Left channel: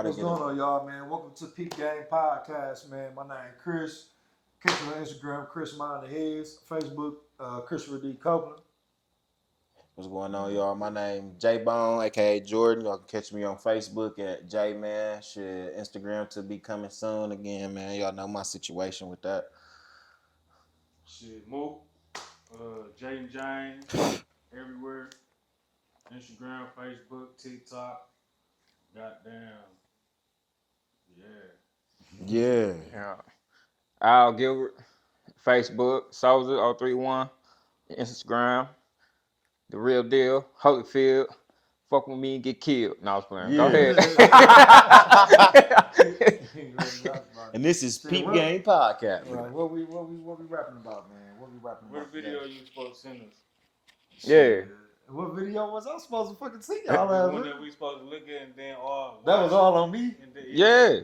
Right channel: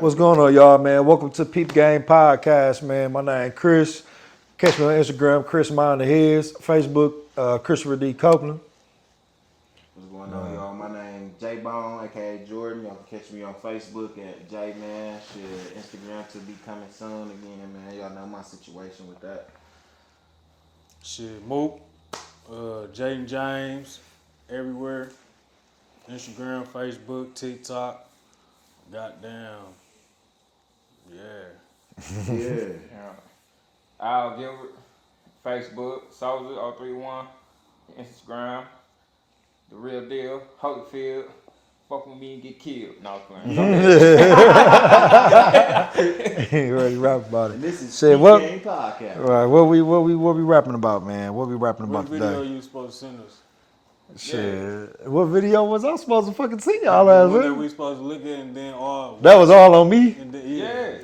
What's going on, y'all, man? Welcome to Peep Game Podcast, man. My name is Chris. Catch me on Instagram, Chris Mind the Heads. Facebook, Christopher D. Copeland. What's going on, y'all? My name is J-Bone, a.k.a. Jordan. Y'all can catch me on Facebook at J-Man. Shit, Instagram to be coming soon again, man. Y'all know my situation with that. Shit, Mook, Jaden James, everywhere. Instagram, Facebook, TikTok. Goddamn. Yeah. Al Gilbert, Facebook, Soldier031, Instagram, The Real Deal, Holyfield, fuck with me, get killed. No, I was playing. You already rap about it. And this is Shit, Peep what- Game Podcast. Right, what we rapping about, man? What we rapping What about video today? you supposed to send us? Shit. What video was I supposed to fucking see y'all The last one that week? we supposed to look at and then all. That was all on me. And then, Yeah.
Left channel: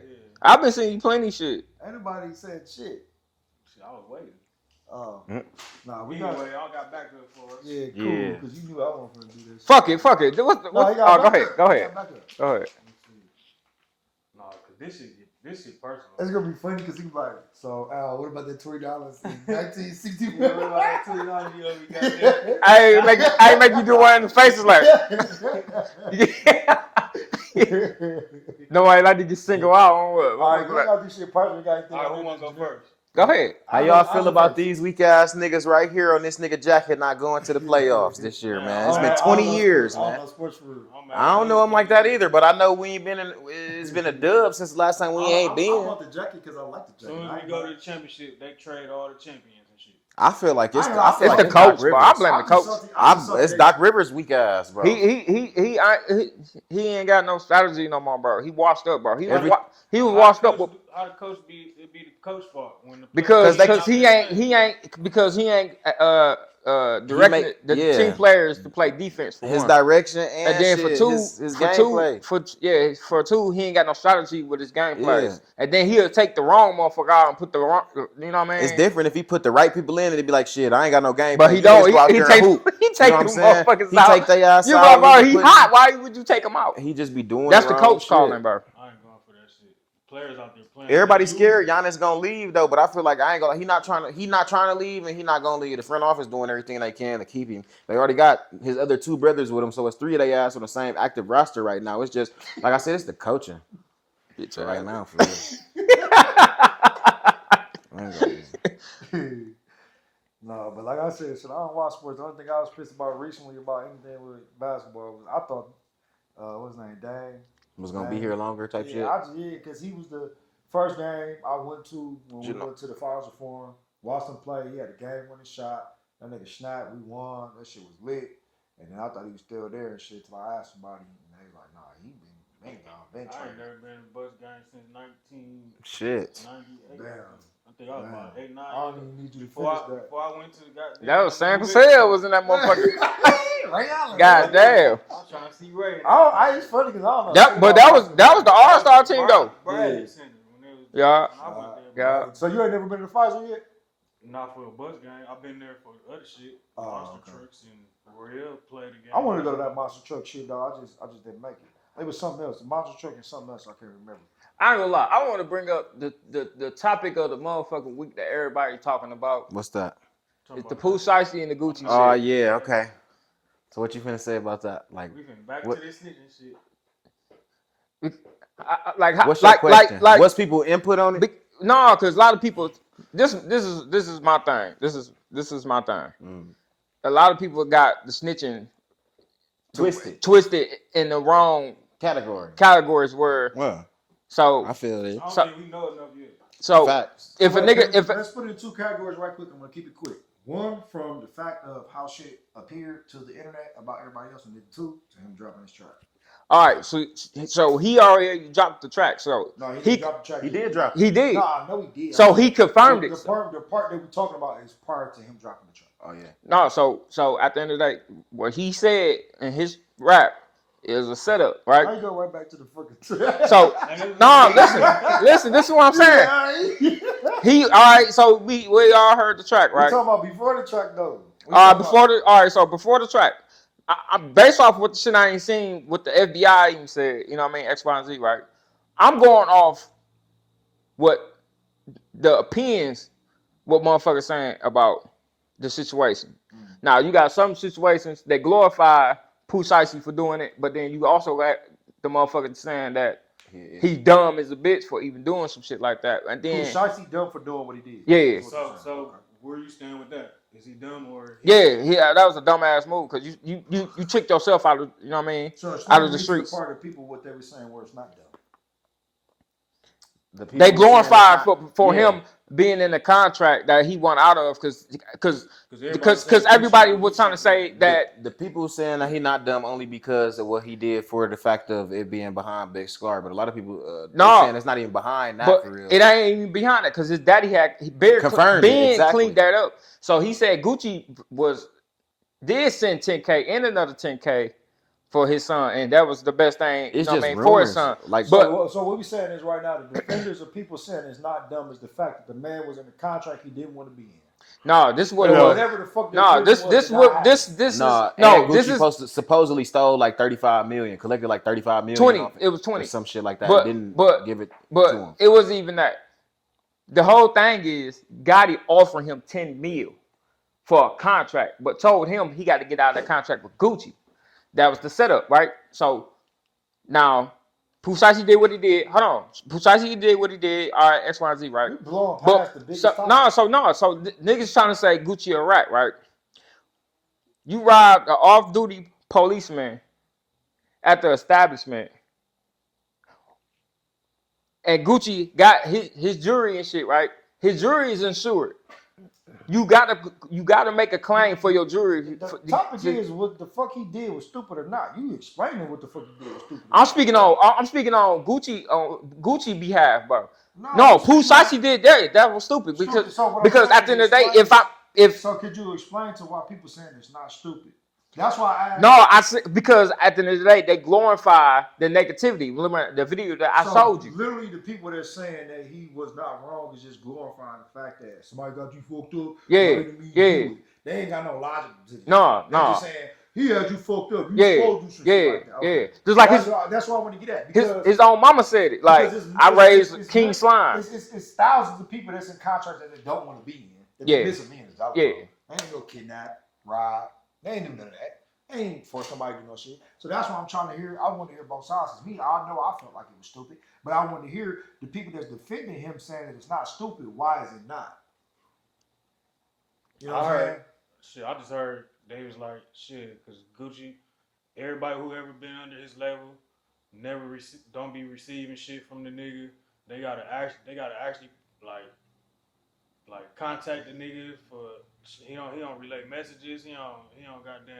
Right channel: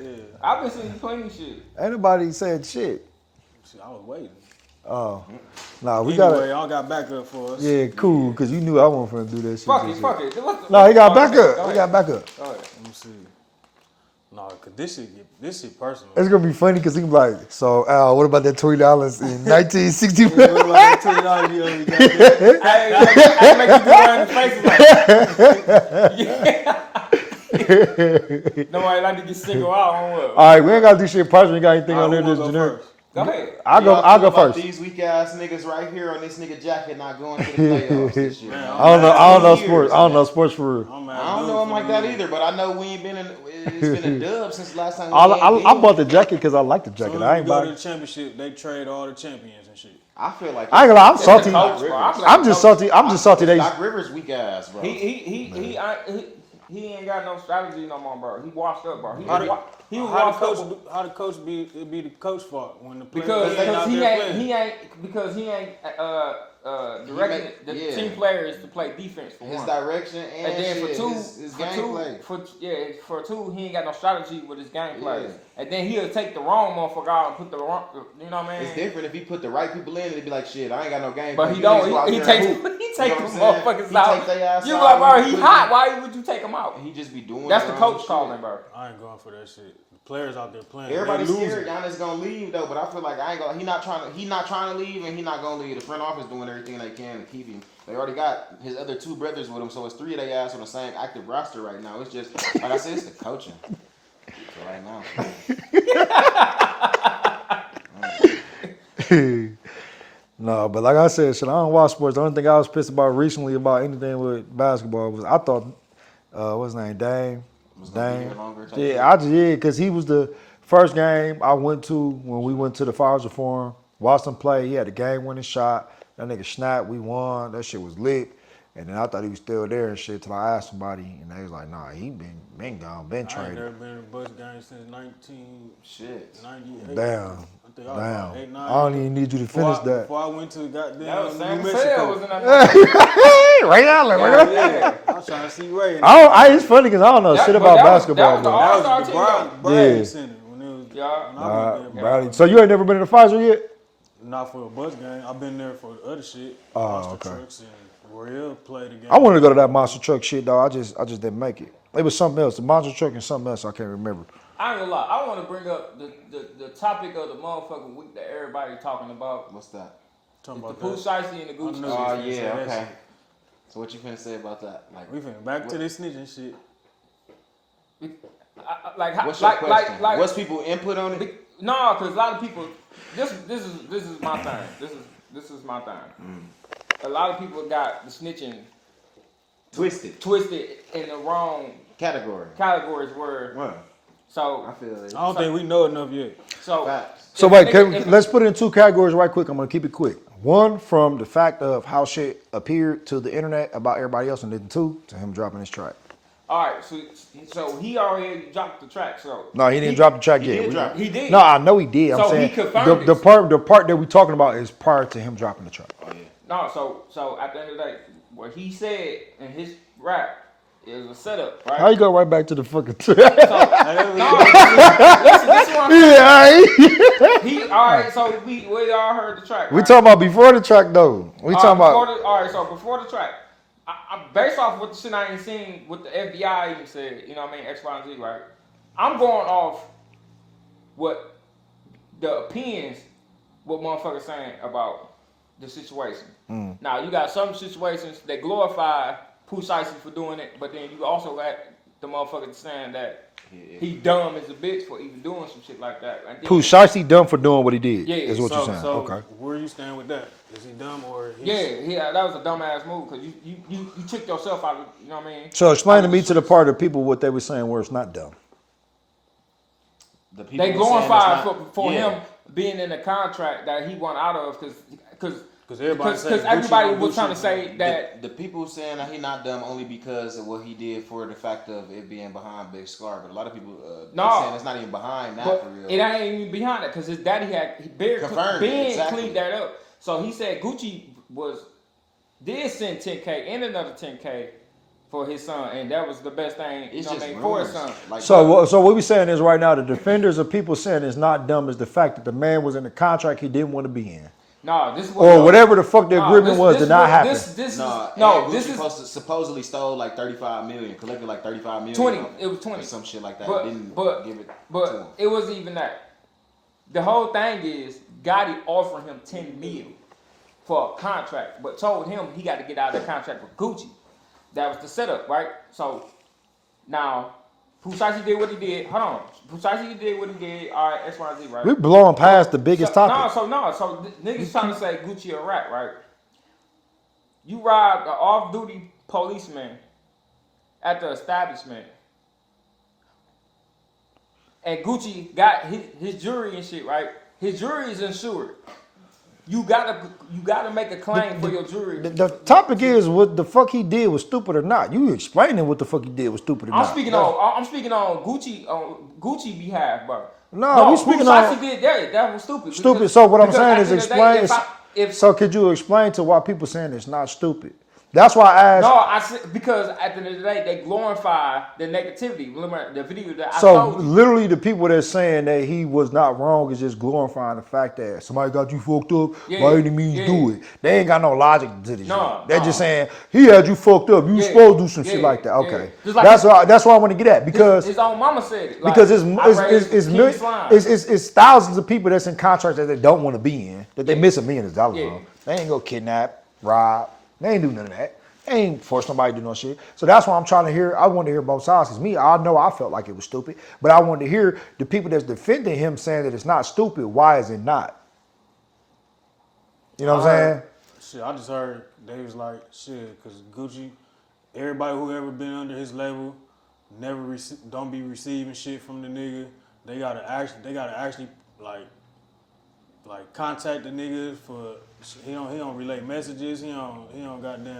I've been seeing you plenty shit. Ain't nobody said shit. Shit, I was waiting. Oh, nah, we Anyway, got it. y'all got backup for us. Yeah, cool, because you knew I wasn't finna do that shit. Fuck it. No, he got Oh, back go ahead, up. go He ahead. got back up. Go ahead. Let me see. Nah, cause this shit personal. It's gonna be funny because he can be like, so Al, what about that $20 in 1965? What about that $20 you only got there? I ain't make you go around the faces like. No, I like to get single out on what? All right, we ain't gotta do shit personal. You got anything on there Who that's wanna go generic? first? Go ahead. I'll go How y'all feel about first. these weak ass niggas right here on this nigga jacket not going to the playoffs this year, man. I don't know 20 years, sports. I don't man. know sports for real. I don't know him like that either, but I know we ain't been in. It's been a dub since the last time we I ain't bought the jacket because I like the So jacket. when I we ain't go to buying. the championship, they trade all the champions and shit. I feel like I ain't gonna lie, I'm it's salty. Doc Coach, Rivers. bro. I'm just salty. I'm just salty. It's They, Doc Rivers weak ass, bro. He ain't got no strategy no more, bro. He washed up, bro. He was How washed the up coach- How the coach be? It be the coach fault when the because players he out there playing. ain't directing the team players to play defense for his one. direction and And then shit, his gameplay. for two, he ain't got no strategy with his gameplay. And then he'll take the wrong motherfucker out and put the wrong, you know what I mean? It's different if he put the right people in and it'd be like, shit, I ain't got no game. But he plan. don't. Let's go out He there take and hoop. them You know what I'm saying? motherfuckers He out. take they ass You out. bro, He he put- hot. Why would you take him out? He just be doing That's the wrong coach shit. calling, bro. I ain't going for that shit. The players out there playing. Everybody's They scared losing. Giannis gonna leave though, but I feel like I ain't gonna. He not trying to leave, and he not gonna leave. The front office doing everything they can to keep him. They already got his other two brothers with him, so it's three of their ass on the same active roster right now. It's just like I said, it's the coaching. So right now. no, but like I said, shit, I don't watch sports. The only thing I was pissed about recently about anything with basketball was I thought, what's his name, Dame Was gonna be here longer. type shit. Yeah, because he was the first game I went to when we went to the Pfizer Forum. Watched him play. He had a game-winning shot. That nigga snapped. We won. That shit was lit. And then I thought he was still there and shit till I asked somebody, and they was like, "Nah, he been gone, been I ain't traded." never been in a Bucks game since 1998. Shit. Damn, I think I was damn. about 8, 9. I don't even need you to finish that. Before I went to the goddamn. That was Sam New Cassell Mexico. was in that motherfucker. Ray Allen, God damn. I was trying to see Ray. It's funny because I don't know shit But about that was basketball. the All-Star team though. Bradley Yeah. Center when it was. Yeah. when I went there, Brownie. So you ain't never been to the Pfizer yet? Not for a Bucks game. I've been there for the other shit. Oh, Monster okay. Trucks and Royale played the game. I wanted to go to that monster truck shit though. I just didn't make it. It was something else, a monster truck and something else I can't remember. I ain't gonna lie. I want to bring up the topic of the motherfucking week that everybody talking about. What's that? Talking It's the about Pooh Shiesty and the Gucci Oh shit. yeah, okay. So what you finna say about that? Like, We finna back What- to this snitching shit. what's your question? What's people input on it? No, because a lot of people. This is my thing. This is my thing. A lot of people got the snitching twisted in the wrong categories where. Well, So I feel it. I don't think we know enough yet. so. Facts. So if wait, a nigga- let's put it in two categories right quick. I'm gonna keep it quick. One, from the fact of how shit appeared to the internet about everybody else, and then two, to him dropping his track. All right, so he already dropped the track. So No, he didn't drop the track yet. did drop it. He did. No, I know he did. I'm So saying he confirmed the it. part that we talking about is prior to him dropping the track. Oh yeah. No, so at the end of the day, what he said in his rap is a setup, right? Now you go right back to the fucking track. So no, listen, this is what I'm saying. All right. So we all heard the track, We right? talking about before the track though. We talking about all right. So before the track, I based off what the shit I ain't seen, what the FBI even said, you know what I mean, X, Y, and Z, right? I'm going off what the opinions, what motherfuckers saying about the situation. Now you got some situations that glorify Pooh Shiesty for doing it, but then you also got the motherfucker saying that he dumb as a bitch for even doing some shit like that. And then, Pooh Shiesty dumb for doing what he did. Yeah. Is what you're saying. So Okay. where you stand with that? Is he dumb or? Yeah, that was a dumbass move because you tricked yourself out of, you know what I mean? So explain Out to of me the to the streets. part of people what they were saying where it's not dumb. The people They were saying glorified it's not- for yeah. him being in the contract that he won out of because everybody everybody said was trying to say that The people saying that he not dumb only because of what he did for the fact of it being behind Big Scar, but a lot of people No. saying it's not even behind that but for real. it ain't even behind that because his daddy Confirmed it, Ben exactly. cleaned that up. So he said Gucci did send 10K and another 10K for his son, and that was the best thing, It's you know what I just mean, for his rumors. son. Like, So what we saying is right now the defenders of people saying it's not dumb is the fact that the man was in a contract he didn't want to be in. No, this is Or what whatever the fuck the agreement was did not happen. This Nah, is Gucci supposedly stole like 35 million, collected like 35 million. 20. off It was 20. or some shit like that. But- Didn't but- give it to But him. it wasn't even that. The whole thing is Gotti offering him 10 mil for a contract, but told him he got to get out of that contract with Gucci. That was the setup, right? So now Pooh Shiesty did what he did. Hold on. Pooh Shiesty did what he did. All right, X, Y, Z, right? We're blowing past the biggest topic. So niggas trying to say Gucci a rat, right? You robbed an off-duty policeman at the establishment, and Gucci got his jury and shit, right? His jury is insured. You gotta make a claim for your jury. The topic is what the fuck he did was stupid or not. You explaining what the fuck he did was stupid or I'm not. speaking on Gucci behalf, bro. No, you Pooh speaking on- Shiesty did that. That was stupid. Stupid. Because- So what I'm because saying at is the end of the day, explain. if So could you explain to why people saying it's not stupid? That's why I asked. no, I said because at the end of the day, they glorify the negativity. Remember the video that I So told you. literally, the people that's saying that he was not wrong is just glorifying the fact that somebody got you fucked up. Yeah, Why didn't mean yeah. do it? They ain't got no logic to this. No, They're no. just saying he had you fucked up. You Yeah, supposed to do some shit yeah, like that. Okay, yeah. Just like that's why I want to get at because His own mama said it. Like, because I raised it's, King millions- Slime. it's thousands of people that's in contracts that they don't want to be in that they Yeah. miss millions of dollars Yeah. on. They ain't go kidnap, rob. They ain't do none of that. They ain't force nobody to do no shit. So that's why I'm trying to hear. I want to hear both sides. Cause me, I know I felt like it was stupid, but I wanted to hear the people that's defending him saying that it's not stupid. Why is it not? You know what I'm saying? Shit, I just heard they was like, shit, because Gucci, everybody who ever been under his label, don't be receiving shit from the nigga. They gotta actually like contact the nigga for he don't relay messages. He don't goddamn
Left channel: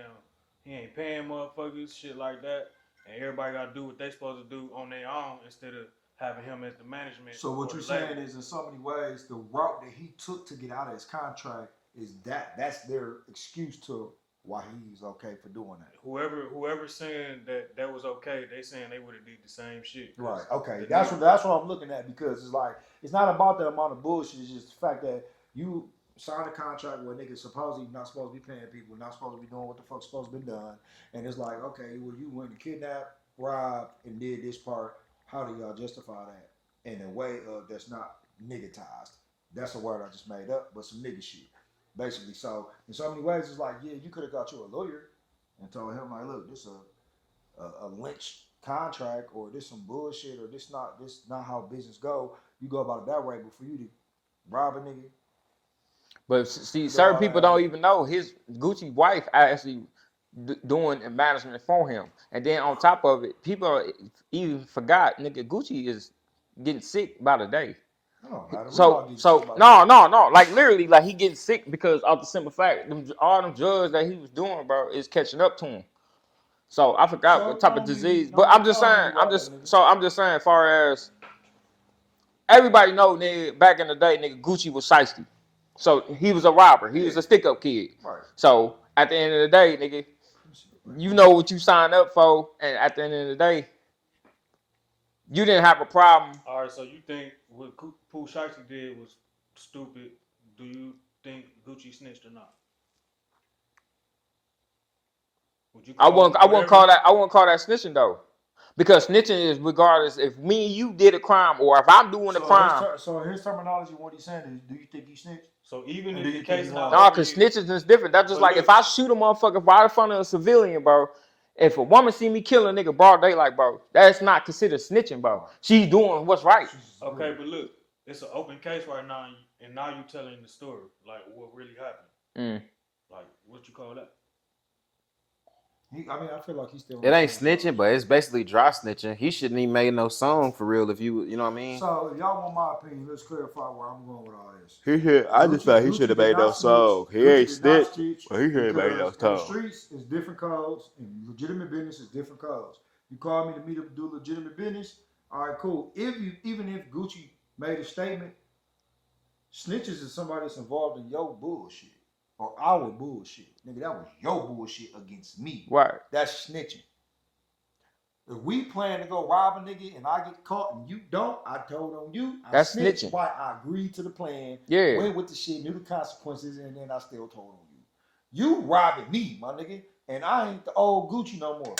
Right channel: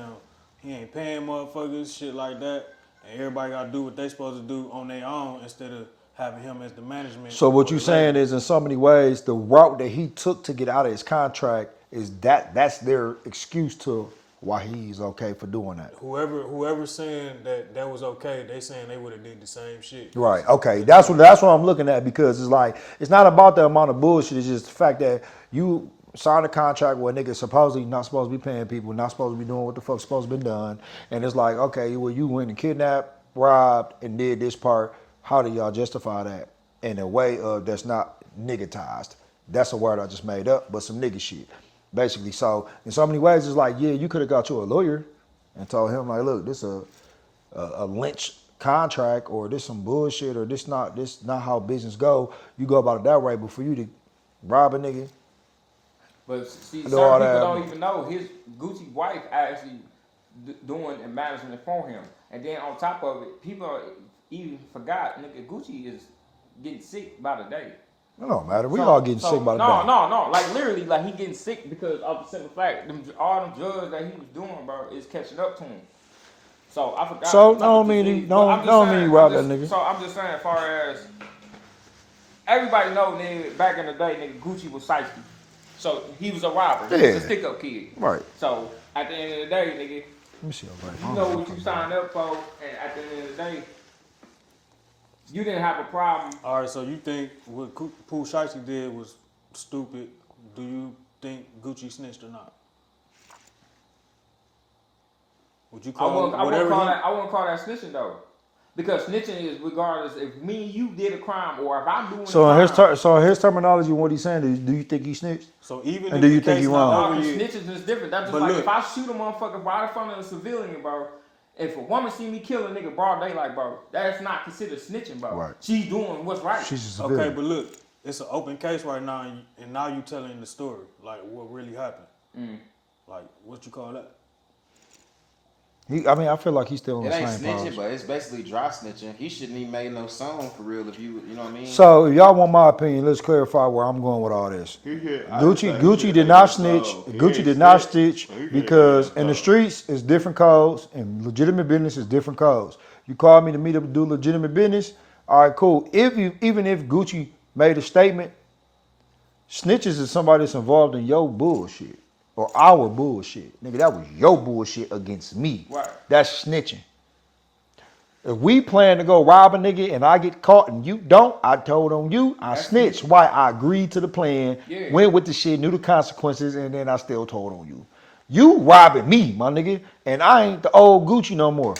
he ain't paying motherfuckers shit like that. And everybody gotta do what they supposed to do on their own instead of having him as the management. So what for you the saying label. is, in so many ways, the route that he took to get out of his contract is that's their excuse to why he's okay for doing that. Whoever saying that was okay, they saying they would have did the same shit. Right. Okay. That's what I'm looking at because it's like it's not about the amount of bullshit. It's just the fact that you signed a contract where a nigga supposedly not supposed to be paying people, not supposed to be doing what the fuck's supposed to be done, and it's like, okay, well you went and kidnapped, robbed, and did this part. How do y'all justify that in a way of that's not niggatized? That's a word I just made up, but some nigga shit, basically. So in so many ways, it's like, yeah, you could have got you a lawyer and told him like, look, this a lynch contract or this some bullshit or this not how business go. You go about it that way, but for you to rob a nigga. But see, Do certain all people that. don't even know his Gucci wife actually doing the management for him. And then on top of it, people even forgot, nigga, Gucci is getting sick by the day. It don't matter. We all getting sick by the no, day. no. Like literally, like he getting sick because of the simple fact, all them drugs that he was doing, bro, is catching up to him. So I forgot So, what type don't of mean- disease. don't- But I'm just don't mean saying, you rob that nigga. so I'm just saying, as far as everybody know, nigga, back in the day, nigga, Gucci was shiesty. So he was a robber. He was Yeah. a stick-up kid. Right. So at the end of the day, nigga, Let me see your you know what you signed up for, and at the end of the day, you didn't have a problem. All right, so you think what Pooh Shiesty did was stupid? Do you think Gucci snitched or not? Would you I wouldn't call whatever that snitching though, Because snitching is regardless if me and you did a crime or if I'm doing So a crime. so his terminology, what he's saying is, do you think he snitched? So even And if do you the think case he not wrong? No, over because yet- snitching is different. That's just But like look. if I shoot a motherfucker right in front of a civilian, bro. If a woman see me kill a nigga broad daylight, bro, that's not considered snitching, bro. Right. She's doing what's right. She's a civilian. Okay, but look, it's an open case right now, and now you telling the story, like what really happened. Like what you call that? I feel like he's still on It the ain't same snitching, page. but it's basically dry snitching. He shouldn't even made no song for real if you know what I mean? So if y'all want my opinion, let's clarify where I'm going with all this. Gucci did not snitch. Gucci did not snitch because in the streets is different codes and legitimate business is different codes. You called me to meet up and do legitimate business. All right, cool. Even if Gucci made a statement, snitches is somebody that's involved in your bullshit or our bullshit. Nigga, that was your bullshit against me. Right. That's snitching. If we plan to go rob a nigga and I get caught and you don't, I told on you, I That's snitched. snitching. Why? I agreed to the plan, Yeah. went with the shit, knew the consequences, and then I still told on you. You robbing me, my nigga, and I ain't the old Gucci no more.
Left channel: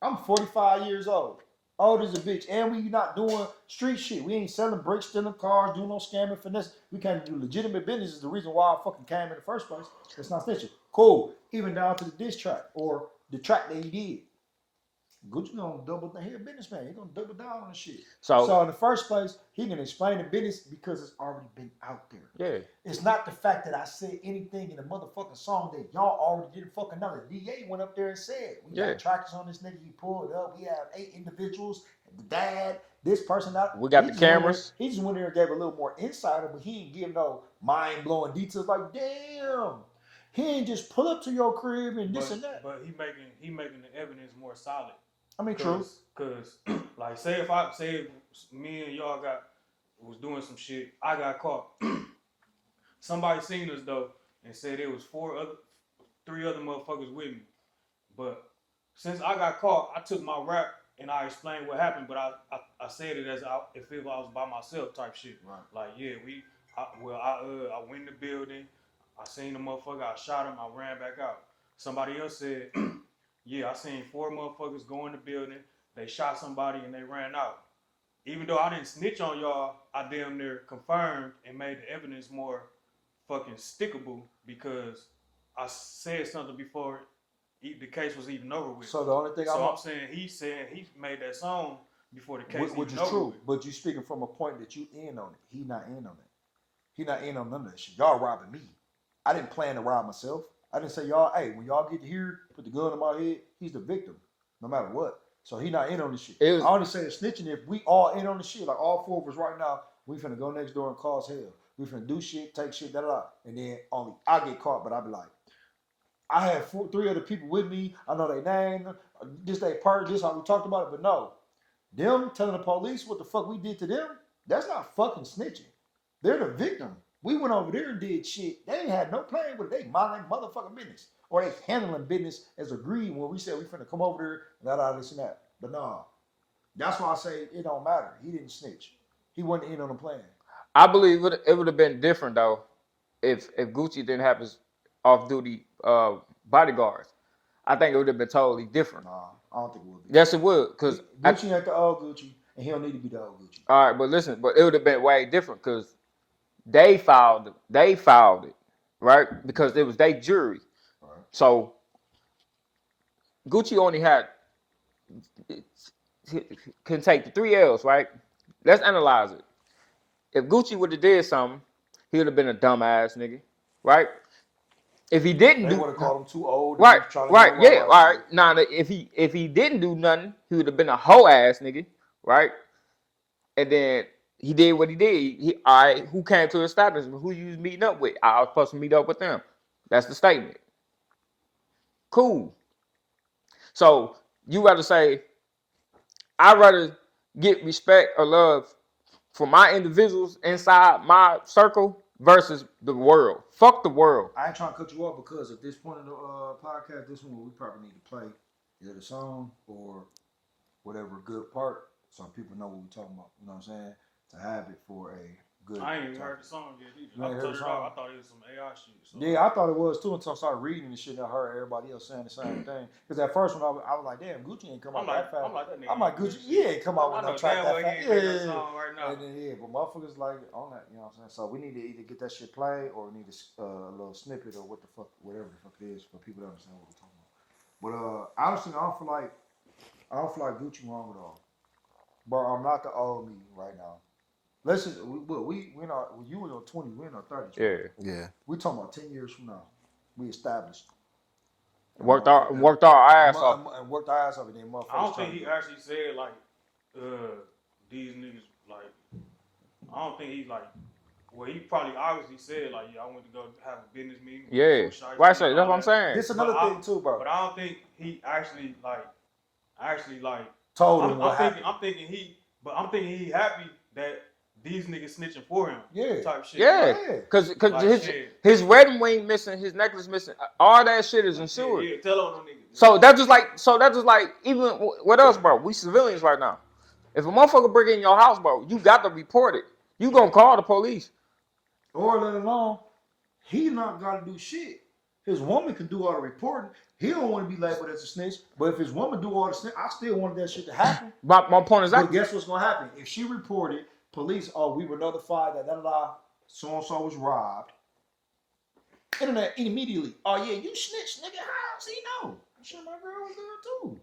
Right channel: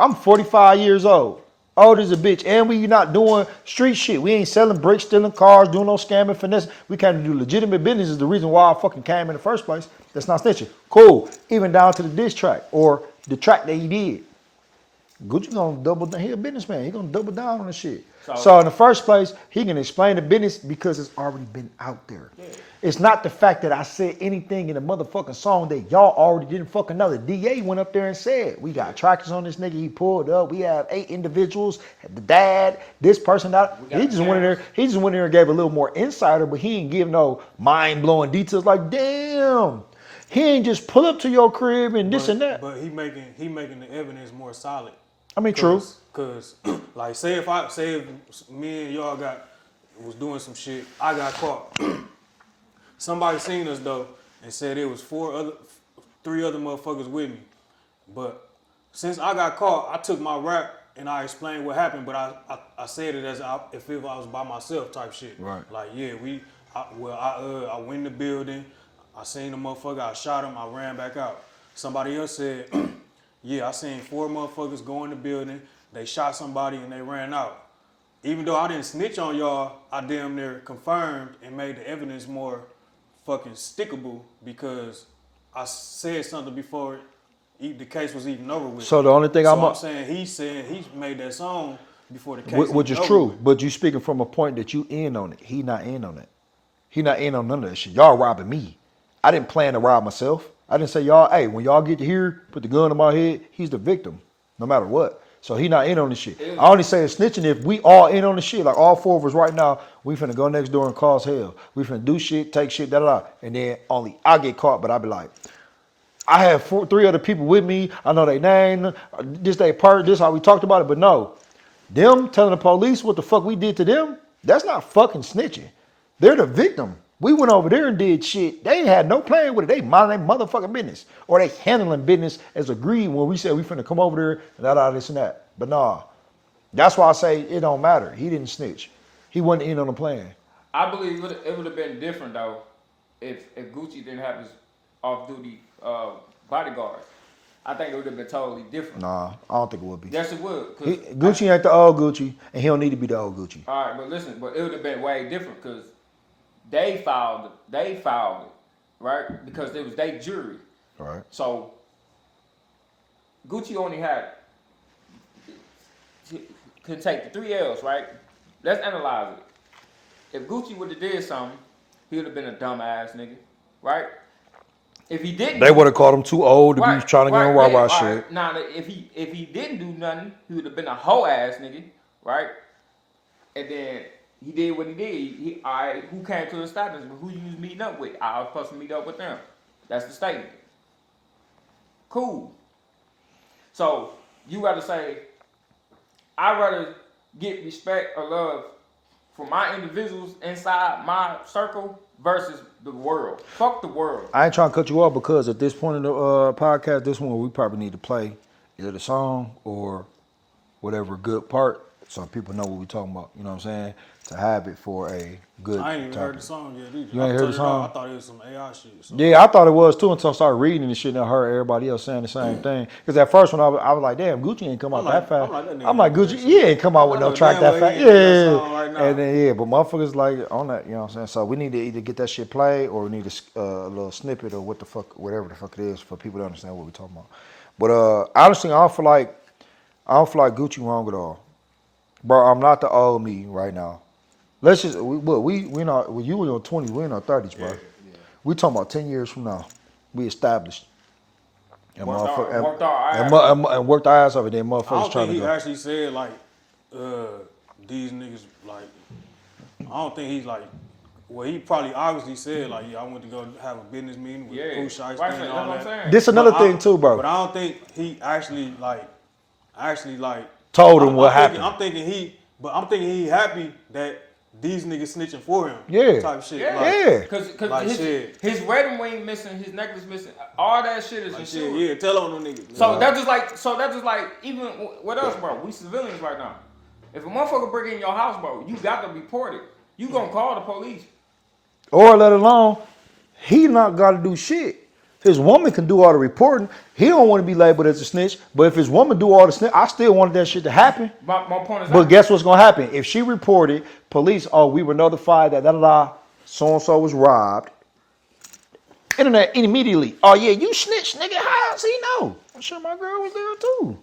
I'm 45 years old. Old as a bitch, and we not doing street shit. We ain't selling bricks, stealing cars, doing no scamming, finesse. We can't do legitimate business is the reason why I fucking came in the first place. That's not snitching. Cool. Even down to the diss track or the track that he did. Gucci gonna double down. He a businessman. He gonna double down on the shit. So in the first place, he can explain the business because it's already been out there. Yeah. It's not the fact that I said anything in the motherfucking song that y'all already didn't fucking know. The DA went up there and said, we got trackers on this nigga. He pulled up. We have 8 individuals. The dad, this person. We got he the just went in there. cameras. He just went in there and gave a little more insider, but he ain't give no mind blowing details. Like, damn, he ain't just pull up to your crib and this and that. But he making the evidence more solid. I mean, true. Cause like say if me and y'all was doing some shit, I got caught. Somebody seen us though and said it was 3 other motherfuckers with me. But since I got caught, I took my rap and I explained what happened, but I said it as if I was by myself type shit. Right. Like yeah, I went in the building, I seen the motherfucker, I shot him, I ran back out. Somebody else said, yeah, I seen 4 motherfuckers go in the building, they shot somebody and they ran out. Even though I didn't snitch on y'all, I damn near confirmed and made the evidence more fucking stickable because I said something before the case was even over with. So the only thing I'm saying he made that song before the case which is over true, with. but you speaking from a point that you in on it. He not in on it. He not in on none of that shit. Y'all robbing me. I didn't plan to rob myself. I didn't say y'all, hey, when y'all get to here, put the gun in my head, he's the victim, no matter what. So he not in on the shit. I only say it's snitching if we all in on the shit. Like all 4 of us right now, we finna go next door and cause hell. We finna do shit, take shit, da-da-da. And then only I get caught, but I be like, I have 3 other people with me. I know their name. This they part. This how we talked about it. But no, them telling the police what the fuck we did to them, that's not fucking snitching. They're the victim. We went over there and did shit. They ain't had no plan with it. They mind their motherfucking business. Or they handling business as agreed when we said we finna come over there and that, this and that. But nah, that's why I say it don't matter. He didn't snitch. He wasn't in on the plan. I believe it would have been different though if Gucci didn't have his off-duty bodyguard. I think it would have been totally different. Nah, I don't think it would be. Yes, it would. Gucci ain't the old Gucci, and he don't need to be the old Gucci. All right, but listen, but it would have been way different because they filed it, right? Because it was their jury. All right. So Gucci only can take the 3 L's, right? Let's analyze it. If Gucci would have did something, he would have been a dumbass nigga, right? If he didn't, They would have called him too old to be trying to get on rob our shit. Right. Now, if he didn't do nothing, he would have been a hoe ass nigga, right? And then he did what he did. All right, who came to the establishment? Who you was meeting up with? I was supposed to meet up with them. That's the statement. Cool. So you rather say, I'd rather get respect or love from my individuals inside my circle versus the world. Fuck the world. I ain't trying to cut you off because at this point in the podcast, this one we probably need to play either the song or whatever good part so people know what we talking about. You know what I'm saying? To have it for a good. I ain't even heard topic. the song yet either. You ain't heard the song? I thought it was some AI shit. So. Yeah, I thought it was too until I started reading the shit and I heard everybody else saying the same thing. Because at first when I was like, damn, Gucci ain't come out that fast. I'm like, Gucci, he ain't come out with no track that fast. Yeah. And then, but motherfuckers like on that, you know what I'm saying? So we need to either get that shit played or we need a little snippet or whatever the fuck it is for people to understand what we're talking about. But honestly, I don't feel like Gucci wrong at all. Bro, I'm not the old me right now. Let's just we not when you in your 20s, we in our 30s, bro. Yeah. We talking about 10 years from now. We established. And Worked our ass off, and then I motherfuckers don't trying think to he go. actually said like these niggas like. I don't think he's like. Well, he probably obviously said like, yeah, I went to go have a business meeting with Pooh Shiesty. Right, that's what I'm saying. This another thing too, bro. But I don't think he actually Told him what happened. I'm thinking he happy that these niggas snitching for him. Yeah. Type shit. Yeah. Because Like, his wedding ring missing, his necklace missing, all that shit is Like, insured. yeah, tell on them niggas. So that's just like even what else, bro? We civilians right now. If a motherfucker break in your house, bro, you got to report it. You gonna call the police. Or let alone, he not got to do shit. His woman can do all the reporting. He don't want to be labeled as a snitch. But if his woman do all the snitch, I still wanted that shit to happen. My point is, But guess what's gonna happen? If she reported, police, we were notified that so and so was robbed. Internet immediately. Oh yeah, you snitch, nigga. How does he know? I'm sure my girl was there too.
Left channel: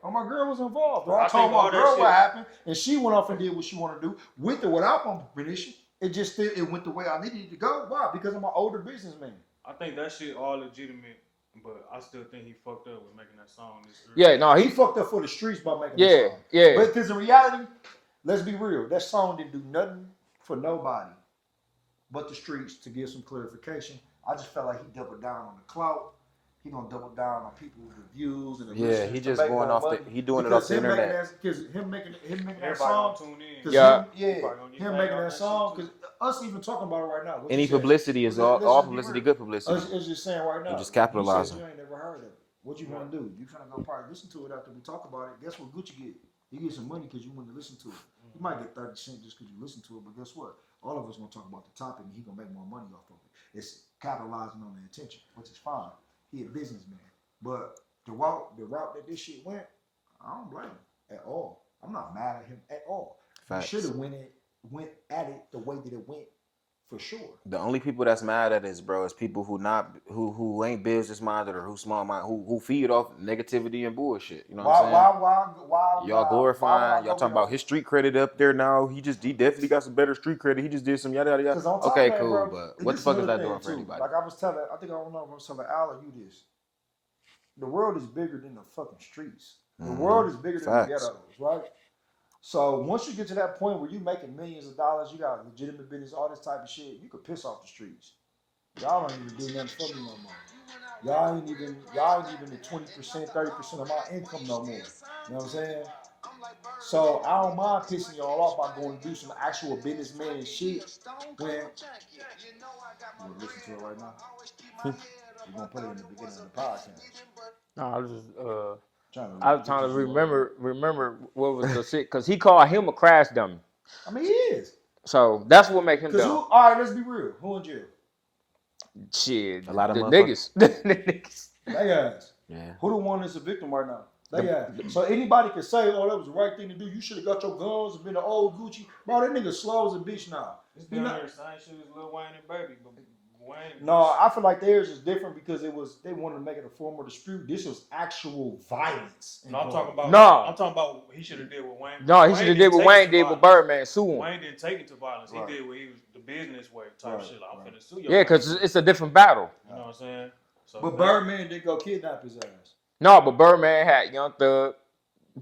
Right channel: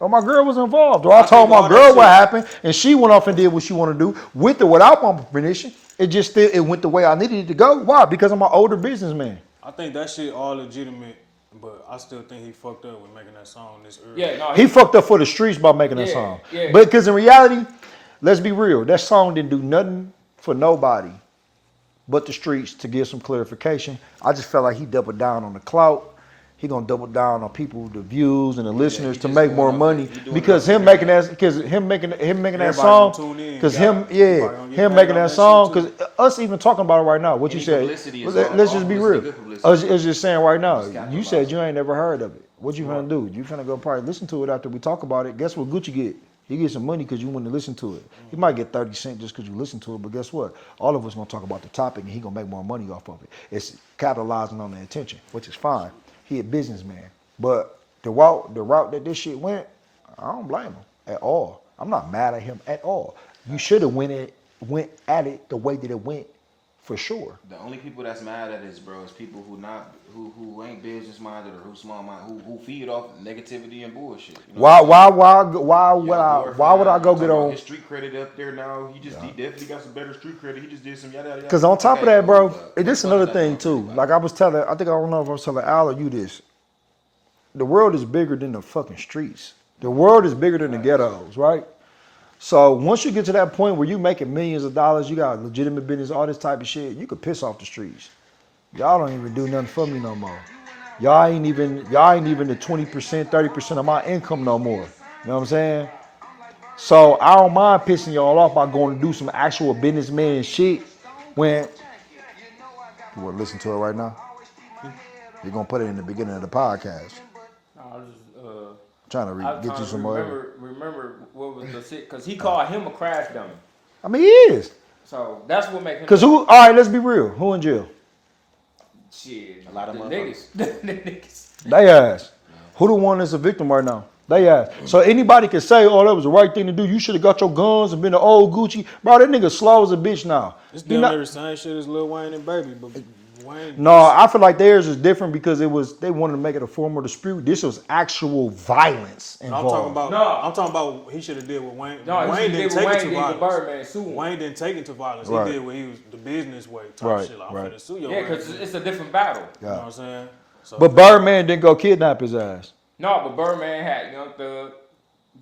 Or my girl was involved. Or I told my girl what happened, and she went off and did what she wanted to do, with or without my permission. It went the way I needed it to go. Why? Because I'm an older businessman. I think that shit all legitimate, but I still think he fucked up with making that song this early. yeah, no, He fucked up for the streets by making that song. Yeah. But because in reality, let's be real, that song didn't do nothing for nobody but the streets to give some clarification. I just felt like he doubled down on the clout. He gonna double down on people, the views and the listeners he to just make going more off money. the- he doing it Because off him the making internet. that song, gonna tune in. because Yeah. him making that song, because us even talking about it right now. What Any you said? publicity is let's all just be publicity, real. good publicity. I was just saying right now. Just You capitalize said it. you ain't never heard of it. What you gonna do? You gonna go probably listen to it after we talk about it. Guess what Gucci get? He gets some money because you want to listen to it. He might get 30 cents just because you listen to it, but guess what? All of us gonna talk about the topic and he gonna make more money off of it. It's capitalizing on the attention, which is fine. He a businessman. But the route that this shit went, I don't blame him at all. I'm not mad at him at all. You should have went at it the way that it went, for sure. The only people that's mad at this, bro, is people who ain't business minded or who small minded, who feed off negativity and bullshit. You know Why what would I go get on? his street credit up there now? He definitely got some better street credit. He just did some yada yada. Because on top of that, bro, but this is what the another fuck is thing that too. doing? Like I don't know if I was telling Al or you this. The world is bigger than the fucking streets. The world is bigger than the ghettos, right? So once you get to that point where you making millions of dollars, you got legitimate business, all this type of shit, you could piss off the streets. Y'all don't even do nothing for me no more. Y'all ain't even the 20%, 30% of my income no more. You know what I'm saying? So I don't mind pissing y'all off by going to do some actual businessman shit when you want to listen to it right now? You're gonna put it in the beginning of the podcast. No, I was just Trying to I was get trying you to some remember what was the shit because he called him a crash dummy. I mean, he is. So that's what makes him. Cause who? All right, let's be real. Who in jail? Shit, A lot of the motherfuckers. niggas. The niggas. They ass. Who the one that's a victim right now? They ass. So anybody can say, "Oh, that was the right thing to do. You should have got your guns and been the old Gucci." Bro, that nigga slow as a bitch now. It's He damn not- near the same shit as Lil Wayne and Baby, but Wayne. No, I feel like theirs is different because they wanted to make it a formal dispute. This was actual violence I'm involved. talking about. No. I'm talking about. He should have did what Wayne. No, he should Wayne have did didn't what take it Wayne to did with violence. Birdman, sue him. Wayne didn't take it to violence. Right. He did what he was the business way type Right, shit. Like, I'm right. finna sue your Yeah, ass. because it's a different battle. You know what I'm saying? So, But Birdman didn't go kidnap his ass. No, but Birdman had Young Thug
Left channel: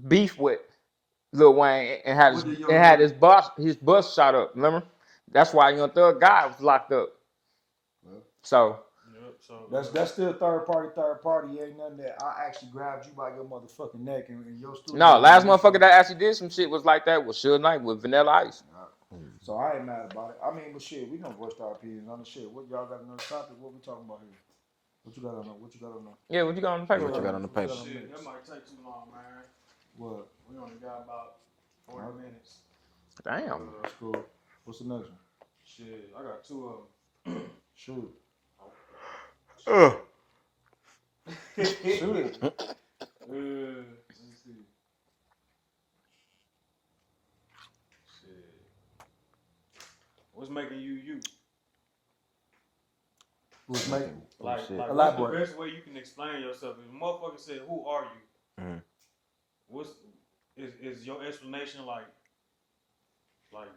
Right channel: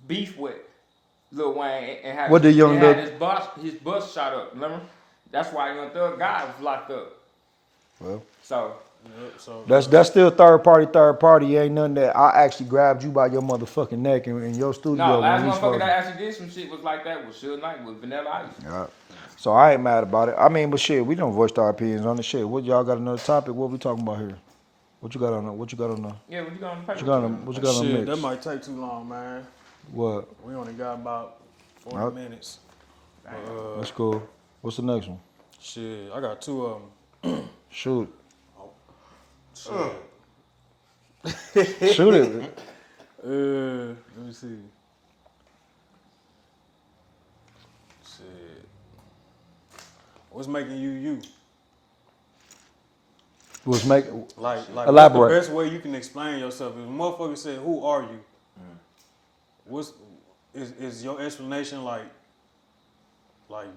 beef with Lil Wayne and had, What did Young and had Thug- his bus shot up. Remember? That's why Young Thug got locked up. Well, So so that's still third party. Ain't nothing that I actually grabbed you by your motherfucking neck in your studio. no, last and these motherfucker folks- that actually did some shit was like that was Suge Knight with Vanilla Ice. Yeah. So I ain't mad about it. I mean, but shit, we don't voice our opinions on the shit. What y'all got another topic? What we talking about here? What you got on the? What you got on the? Yeah, what you got on the paper? What you got on the shit, mix? that might take too long, man. What? We only got about 40 minutes. Damn. That's cool. What's the next one? Shit, I got 2 of them. Shoot. Shit. Shoot it. Let me see. Shit. What's making you you? Was making Like elaborate. what's the best way you can explain yourself? If a motherfucker said, "Who are you?" What's is your explanation like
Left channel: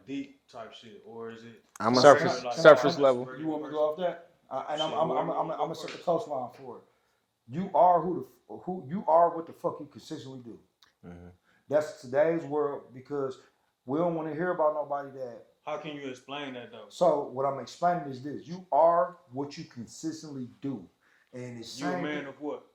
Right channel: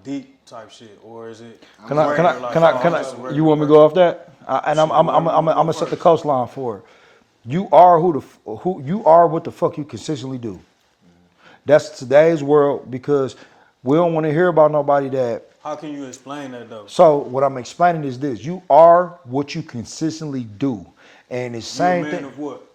deep type shit, or is it? Can I? You want me to go off that? I'm gonna set the coastline for it. You are who you are. What the fuck you consistently do? That's today's world because we don't want to hear about nobody that. How can you explain that though? So what I'm explaining is this: you are what you consistently do, and it's same You a man thing. of what?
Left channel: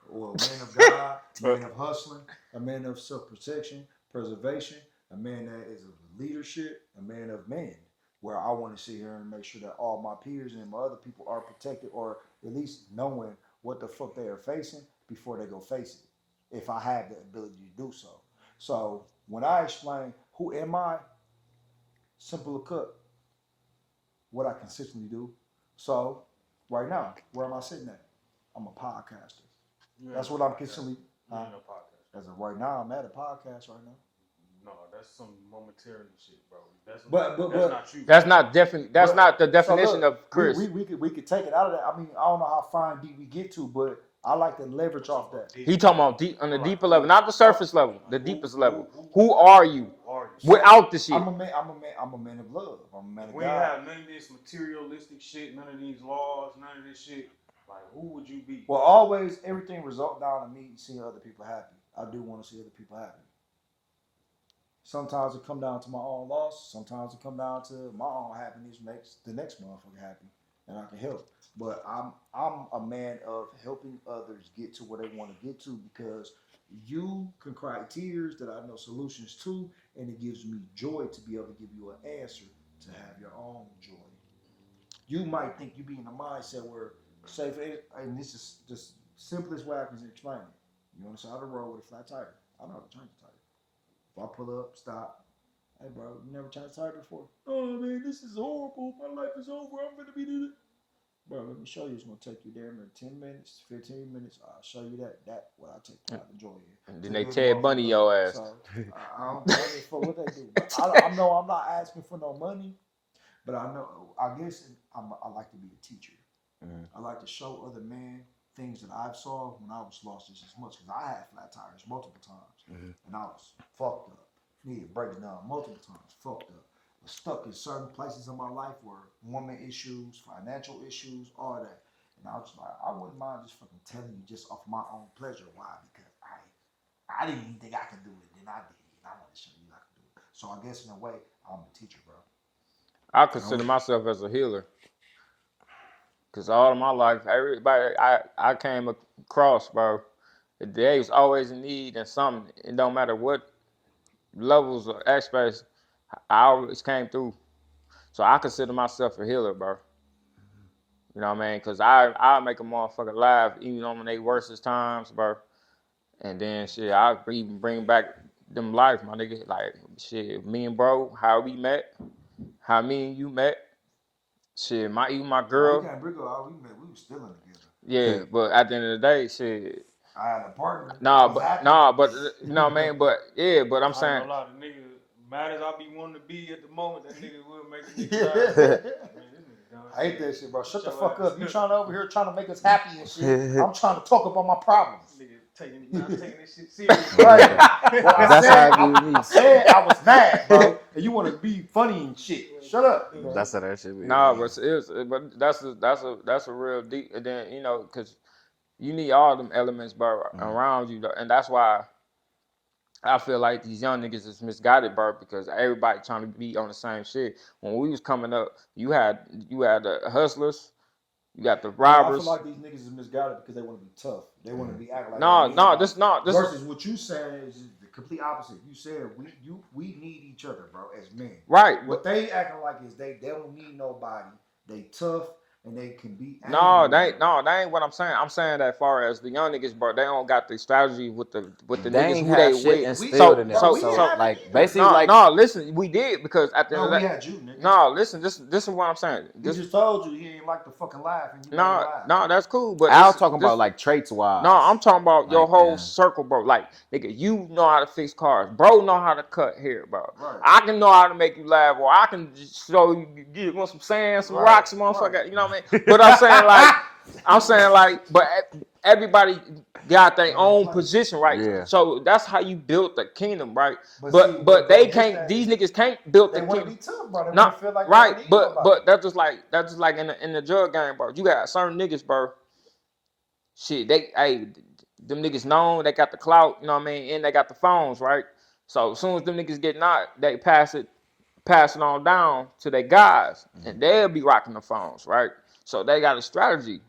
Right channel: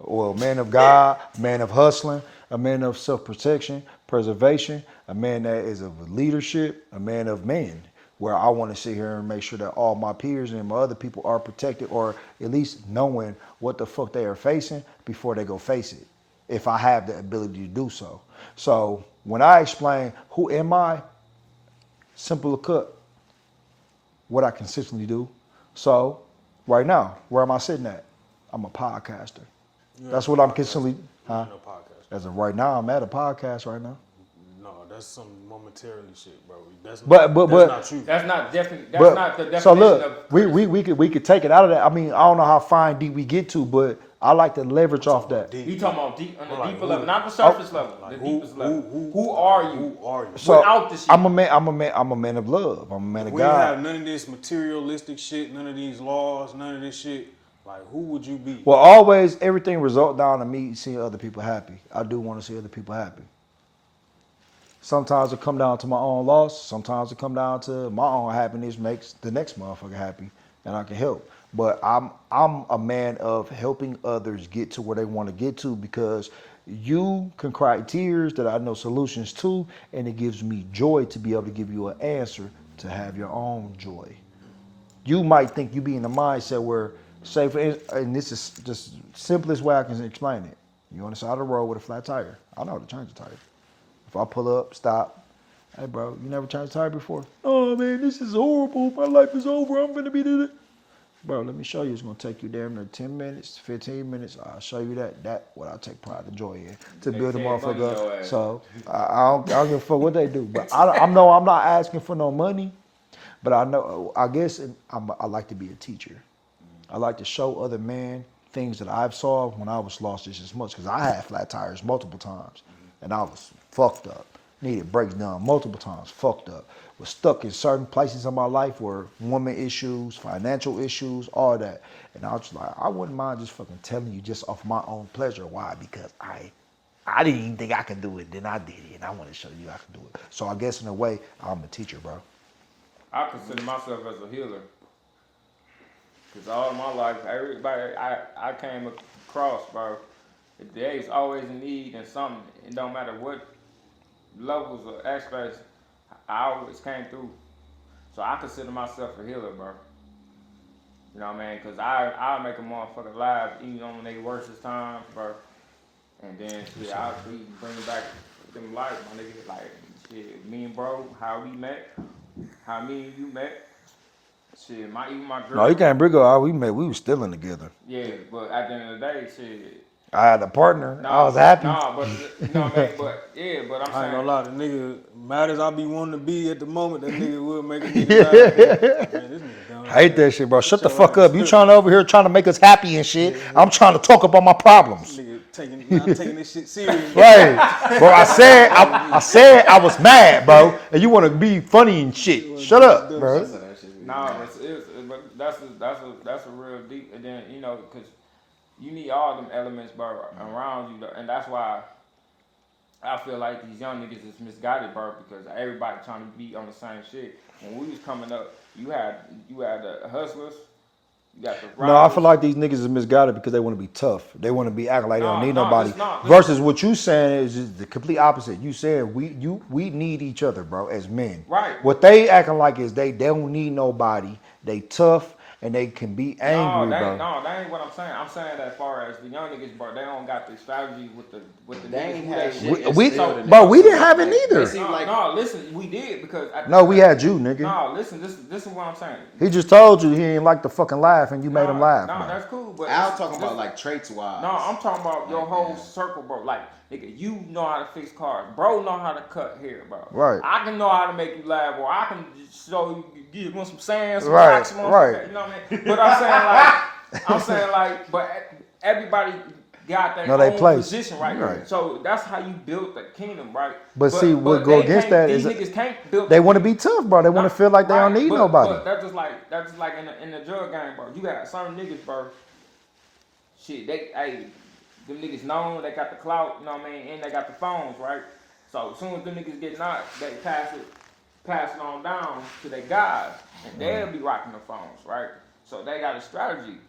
Well, a man of God, a man of hustling, a man of self-protection, preservation, a man that is of leadership, a man of men, where I want to sit here and make sure that all my peers and my other people are protected or at least knowing what the fuck they are facing before they go face it, if I have the ability to do so. So when I explain who am I, simple cut, what I consistently do. So right now, where am I sitting at? I'm a podcaster. That's what I'm consistently. No podcast. As of right now, I'm at a podcast right now. No, that's some momentarily shit, bro. That's But not true. That's not definitely. That's not the definition so look, of. we could take it out of that. I mean, I don't know how fine deep we get to, but I like to leverage off that. You talking about deep on the Like deeper who? level, not the surface level, the Who- deepest who- level. who- Who are you? Who are you? So, Without the shit. I'm a man of love. I'm a man of We ain't have God. none of this materialistic shit, none of these laws, none of this shit. Like, who would you be? Well, always everything result down to me seeing other people happy. I do want to see other people happy. Sometimes it come down to my own loss. Sometimes it come down to my own happiness makes the next motherfucker happy, and I can help. But I'm a man of helping others get to where they want to get to because you can cry tears that I know solutions to, and it gives me joy to be able to give you an answer to have your own joy. You might think you be in the mindset where, say, and this is just simplest way I can explain it. You on the side of the road with a flat tire. I know how to change a tire. If I pull up, stop. Hey, bro, you never changed a tire before? Oh, man, this is horrible. My life is over. I'm going to be the... Bro, let me show you. It's going to take you damn near 10 minutes, 15 minutes. I'll show you that what I take pride and joy in. To They build a Ted Bundy motherfucker your up. ass. So, I don't give a fuck what they do. But I'm not asking for no money. But I guess I like to be a teacher. I like to show other men things that I've saw when I was lost just as much. Because I had flat tires multiple times. And I was fucked up. Needed brakes done multiple times. Fucked up. Was stuck in certain places in my life where woman issues, financial issues, all that. And I was just like, I wouldn't mind just fucking telling you just off my own pleasure. Why? Because I didn't even think I could do it. Then I did it. And I want to show you I can do it. So I guess in a way, I'm a teacher, bro. I consider myself as a healer. Because all of my life, everybody I came across, bro, they was always in need and something. It don't matter what levels or aspects, I always came through. So I consider myself a healer, bro. You know what I mean? Because I make a motherfucker laugh even on their worstest times, bro. And then, shit, I even bring back them life, my nigga. Like, shit, me and bro, how we met, how me and you met. Shit, even my girl. No, you can't bring up how we met. We was still in together. Yeah, but at the end of the day, shit. I had a partner. I was happy. Man, but yeah, but I'm I ain't saying. gonna lie, the nigga, mad as I be wanting to be at the moment, that nigga will make a nigga laugh. Man, this nigga dumb. I hate that shit, bro. Shut the fuck up. You trying over here trying to make us happy and shit. I'm trying to talk about my problems. Nigga not taking this shit serious. Right. Bro, I said I was mad, bro. And you want to be funny and shit. Shut up, bro. That's how that shit be. Nah, but that's a real deep. And then because you need all them elements, bro, around you, and that's why I feel like these young niggas is misguided, bro, because everybody trying to be on the same shit. When we was coming up, you had the hustlers, you got the robbers. No, I feel like these niggas is misguided because they want to be tough. They want to be acting like they don't need nobody. Versus what you saying is the complete opposite. You saying we need each other, bro, as men. Right. What they acting like is they don't need nobody. They tough and they can be angry. No, bro. that ain't what I'm saying. I'm saying that as far as the young niggas, bro, they don't got the strategy with the They niggas ain't who have they shit with. We instilled in bro, them. we didn't So, have like, it neither. basically, like- No, listen, we did because at the No, end of we that- had you, nigga. No, listen, this is what I'm saying. He just told you he didn't like to fucking laugh, and you made him laugh. No, man. that's cool. But Al this- talking this- about like traits wise. No, I'm talking about your Like, whole yeah. circle, bro. Like, nigga, you know how to fix cars. Bro know how to cut hair, bro. Right. I can know how to make you laugh, or I can just show you, give you some sand, some Right, rocks, some motherfucker. right. You know what I mean? But I'm saying like, but everybody got their Know they own place. position, right? Yeah. So that's how you build the kingdom, right? But see, what go they against can't, that these is niggas can't build. They the want to kingdom. be tough, bro. They want No, to feel like they right, don't need but, nobody. But that's just like in the drug game, bro. You got certain niggas, bro. Shit, them niggas known, they got the clout, you know what I mean, and they got the phones, right? So as soon as them niggas get knocked, they pass it on down to their guys, and they'll be rocking the phones, right? So they got a strategy.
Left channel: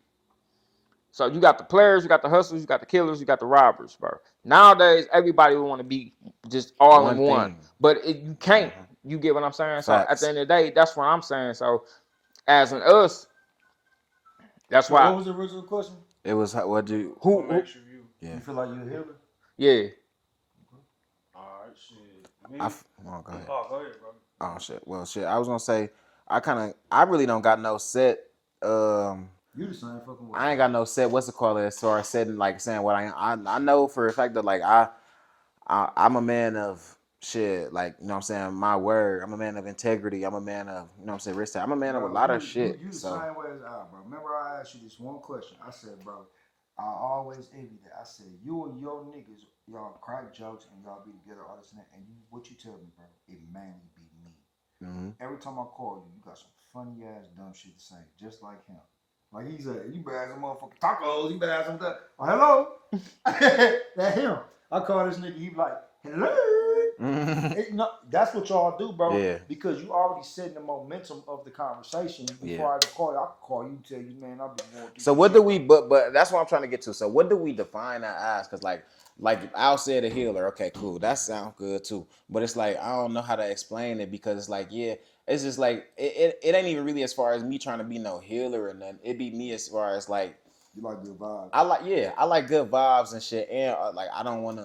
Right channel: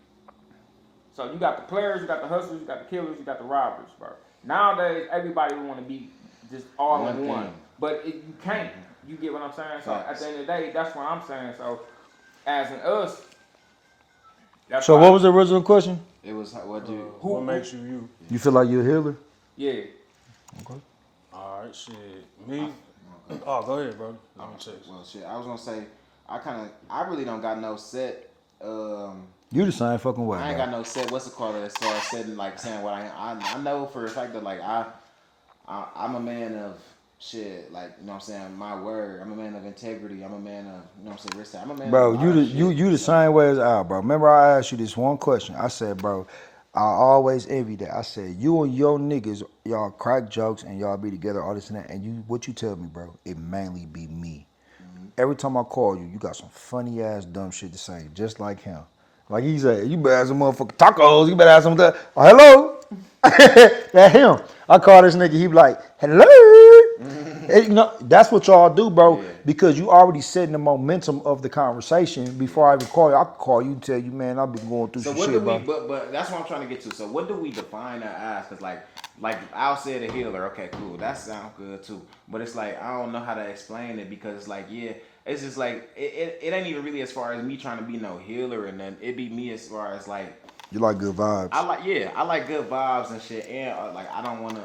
So you got the players, you got the hustlers, you got the killers, you got the robbers, bro. Nowadays, everybody want to be just all in One one, thing. but you can't. You get what I'm saying? So at Facts. the end of the day, that's what I'm saying. So as an us, that's So why what was the original question? It was what you. What makes you you? You feel like you're a healer? Yeah. All right, shit. Me? Oh, go ahead. Oh, go ahead, bro. Oh shit. Well, shit. I was gonna say, I really don't got no set. You the same fucking way. I ain't got no set. What's it called? As far as setting, like saying what I know for a fact that like I'm a man of shit. Like, you know what I'm saying, my word. I'm a man of integrity. I'm a man of, you know what I'm saying, risk. I'm a man of a Bro, lot of shit. you the So, same way as Al, bro. Remember I asked you this one question. I said, bro, I always envy that. I said, you and your niggas, y'all crack jokes and y'all be together, all this and that. And what you tell me, bro, it mainly be me. Every time I call you, you got some funny ass dumb shit to say, just like him. Like he said, you better have some motherfucking tacos. You better have some that. Oh, hello, that him. I call this nigga. He be like, hello. And, you know, that's what y'all do, bro. Yeah. Because you already setting the momentum of the conversation before I even call you. I can call you and tell you, man, I've been going through. So some what shit, do we? bro. But that's what I'm trying to get to. So what do we define that as? Because like Al said, a healer. Okay, cool. That sounds good too. But it's like I don't know how to explain it because it's like it's just like it ain't even really as far as me trying to be no healer, and then it be me as far as like You like good vibes. I like good vibes and shit, and like I don't want to.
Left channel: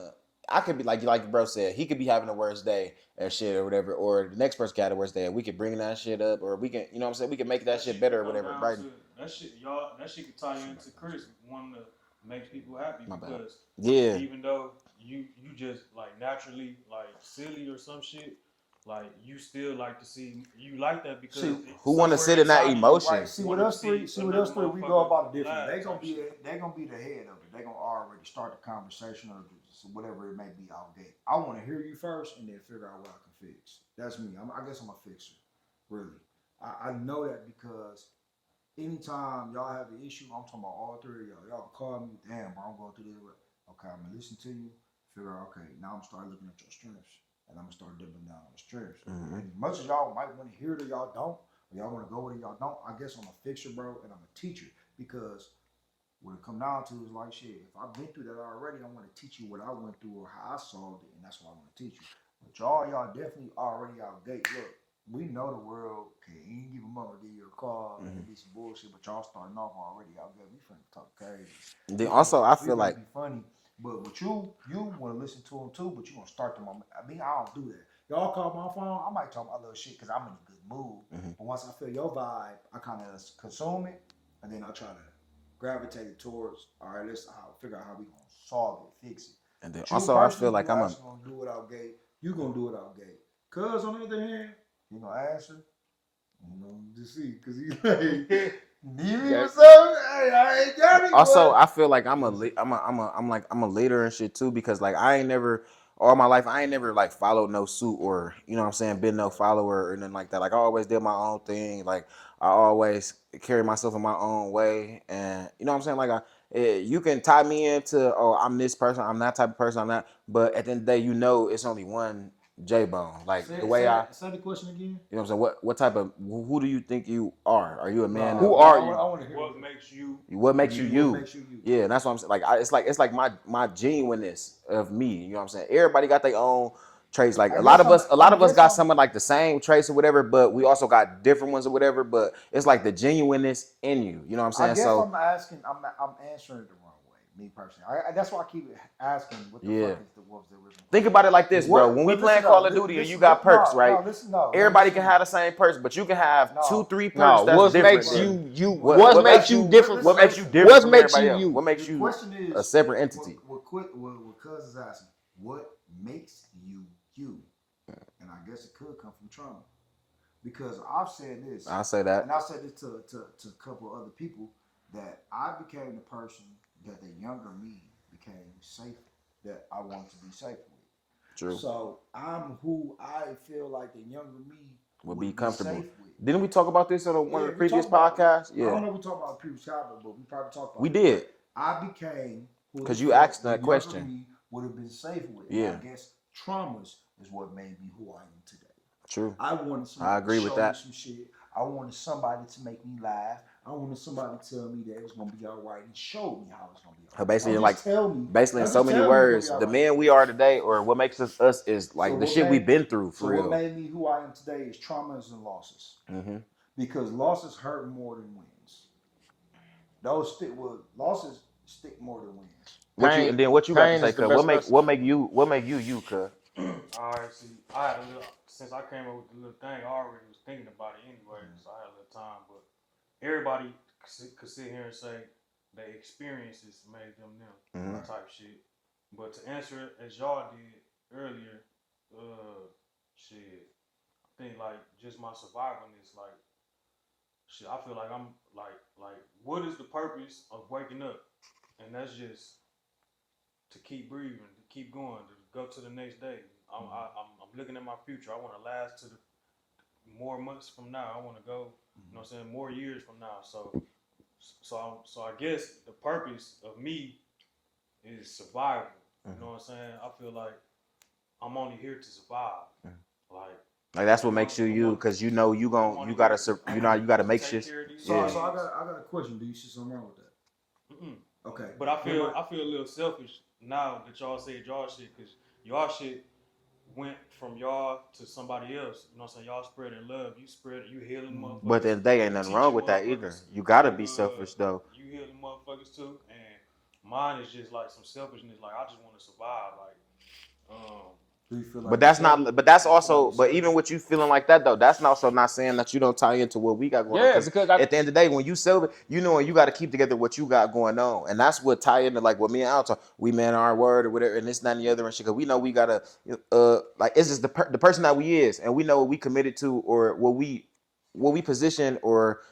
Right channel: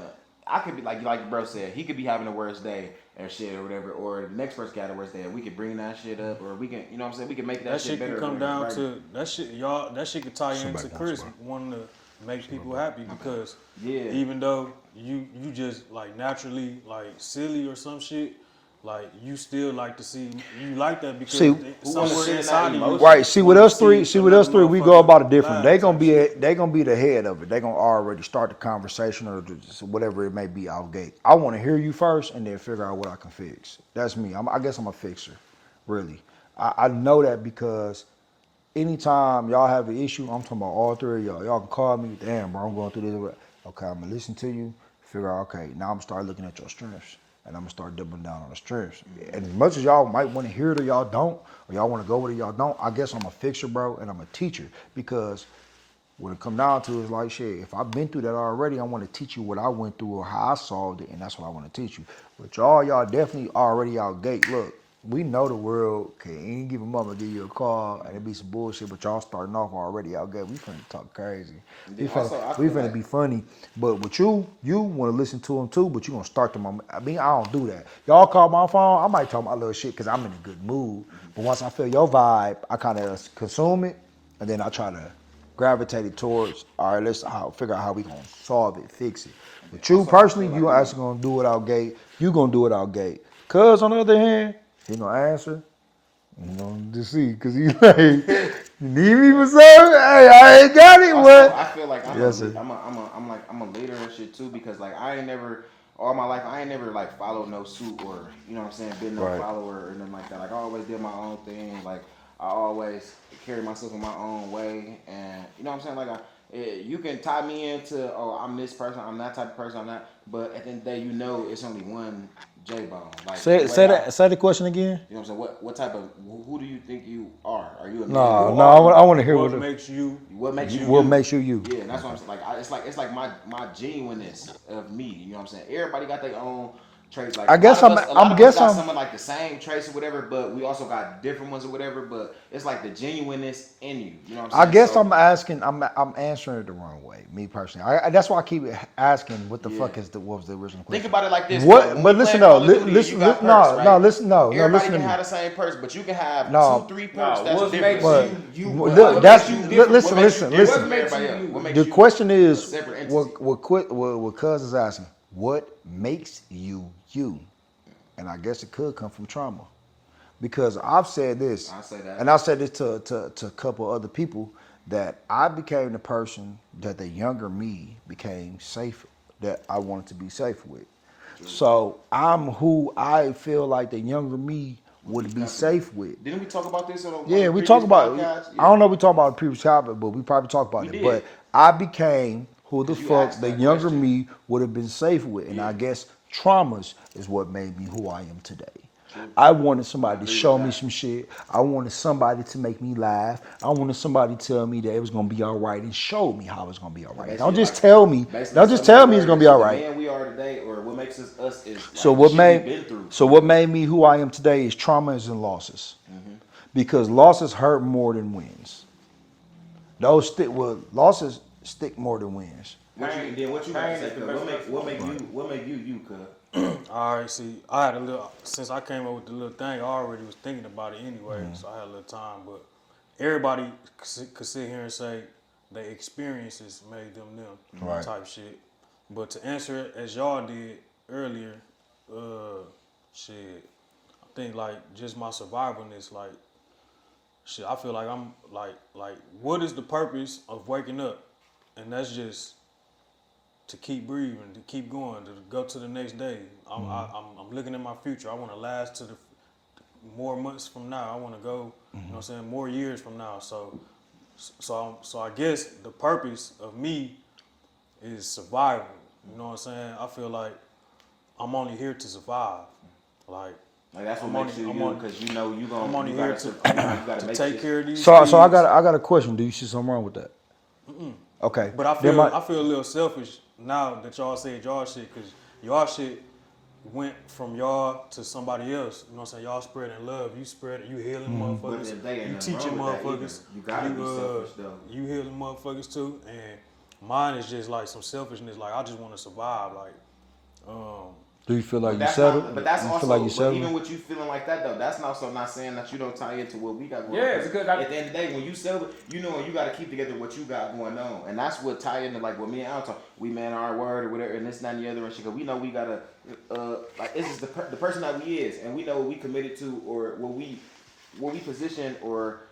I could be like bro said, he could be having the worst day and shit or whatever, or the next person got the worst day, and we could bring that shit up, or we can, you know what I'm saying, we can make that shit better. Can come or whatever, down right? to that shit, y'all. That shit could tie you Somebody into wants Chris one. wanting to make people happy because Yeah. even though you just like naturally like silly or some shit, like you still like to see you like that because See, who wanna sit in that emotion? Right. See with us three. We go about it different. laugh They type gonna be shit. they gonna be the head of it. They gonna already start the conversation or just whatever it may be out gate. I want to hear you first and then figure out what I can fix. That's me. I guess I'm a fixer, really. I know that because anytime y'all have an issue, I'm talking about all three of y'all. Y'all can call me. Damn, bro, I'm going through this. Okay, I'm gonna listen to you. Figure out. Okay, now I'm gonna start looking at your strengths. And I'm gonna start doubling down on the strengths. And as much as y'all might want to hear it or y'all don't, or y'all want to go with it, y'all don't, I guess I'm a fixer, bro, and I'm a teacher. Because what it come down to is like, shit, if I've been through that already, I want to teach you what I went through or how I solved it, and that's what I want to teach you. But y'all definitely already out gate. Look, we know the world can any given moment give you a call and it be some bullshit, but y'all starting off already out gate. We finna talk crazy. Yeah, also, I we feel finna like- be funny. But with you want to listen to them too, but you gonna start them on. I mean, I don't do that. Y'all call my phone, I might talk my little shit because I'm in a good mood. But once I feel your vibe, I kind of consume it, and then I try to gravitate it towards, all right, let's figure out how we gonna solve it, fix it. But you also, I personally, feel like you I'm actually gonna do it out gate. You gonna do it out gate. Cuz on the other hand, he gonna answer. You know, just see, cause he like, you need me for something? Hey, I ain't got it. Also, what? I feel like I'm Yes, a leader and shit too because like I ain't never all my life I ain't never like followed no suit or you know what I'm saying been no Right. follower or nothing like that. Like I always did my own thing. Like I always carry myself in my own way and you know what I'm saying. Like you can tie me into I'm this person, I'm that type of person, I'm that. But at the end of the day, you know it's only one J-Bone. Like Say the way say the question again. You know what I'm saying? What type of who do you think you are? Are you a man? No, Who no, are you? I want to hear What what. makes you? What makes you? What makes you you? Yeah, that's what I'm saying. Like it's like my genuineness of me. You know what I'm saying? Everybody got their own traits. Like I a guess lot of us got I'm- some of like the same traits or whatever, but we also got different ones or whatever. But it's like the genuineness in you. You know what I'm saying? I guess So, I'm answering it the wrong way, me personally. That's why I keep asking what the fuck what was the original question. think about it like this. What? Bro. When But we listen playing though, Call of Duty, listen, you got no, perks, right? no, listen, no. Everybody listen can to me. have the same perks, but you can have No. 2-3 perks No, that's what different. makes you What makes you listen, different? listen, What makes you listen, different? listen. What makes you Everybody you? else. What makes The you question is, a separate entity? what Cuz is asking, what makes you you? And I guess it could come from trauma. Because I've said this. I say that. And I've said this to a couple other people, that I became the person that the younger me became safe, that I want to be safe with. True. So I'm who I feel like the younger me would be comfortable. safe with. Didn't we talk about this on a Yeah, we previous talked about podcast? I don't know if we talked about the previous topic, but we probably talked about We it. did. But I became who the 'Cause you fuck asked the that younger question. me would have been safe with. And I Yeah. guess traumas is what made me who I am today. True. I wanted I somebody to agree show with me that. some shit. I wanted somebody to make me laugh. I wanted somebody to tell me that it was gonna be all right and show me how it's gonna be all right. Don't Basically, just like, tell me. basically, Don't just so many tell me it's gonna be words, all the right. man we are today, or what makes us us, is like So the what shit made we've been through. So for what real. made me who I am today is traumas and losses. Mm-hmm. Because losses hurt more than wins. Losses stick more than wins. What you got to Pain say? is the Cuz best what recipe. make you, cuz? All right, see, I had a little, since I came up with the little thing, I already was thinking about it anyway, so I had a little time. But everybody could sit here and say their experiences made them Right. type shit. But to answer it as y'all did earlier, shit, I think like just my survivalness, like shit, I feel like I'm like what is the purpose of waking up? And that's just to keep breathing, to keep going, to go to the next day. I'm looking at my future. I want to last to the more months from now. I want to go, you know what I'm saying, more years from now. So I guess the purpose of me is survival. You know what I'm saying? I feel like I'm only here to survive. Like That's what I'm makes only- you I'm you, because you know you only gotta here you gotta make take shit. care of these So I kids. got a question. Do you see something wrong with that? Okay. But I Then feel a little selfish now that y'all said y'all shit, because y'all shit went from y'all to somebody else. You know what I'm saying? Y'all spreading love. You spread it. You healing motherfuckers. But then they ain't You nothing teaching wrong with that either. motherfuckers. You gotta be selfish though. You healing motherfuckers too. And mine is just like some selfishness. Like I just want to survive. Like, do you feel like But that's you settled? not. But that's You feel like also. you But settled? even with you feeling like that though, that's also not saying that you don't tie into what we got going on. Yeah, because at the end of the day, when you sell it, you know, and you got to keep together what you got going on, and that's what tie into like what me and Al talk. We man our word or whatever, and this, that, and the other, and shit. Cause we know we gotta like this is the person that we is, and we know what we committed to or what we position or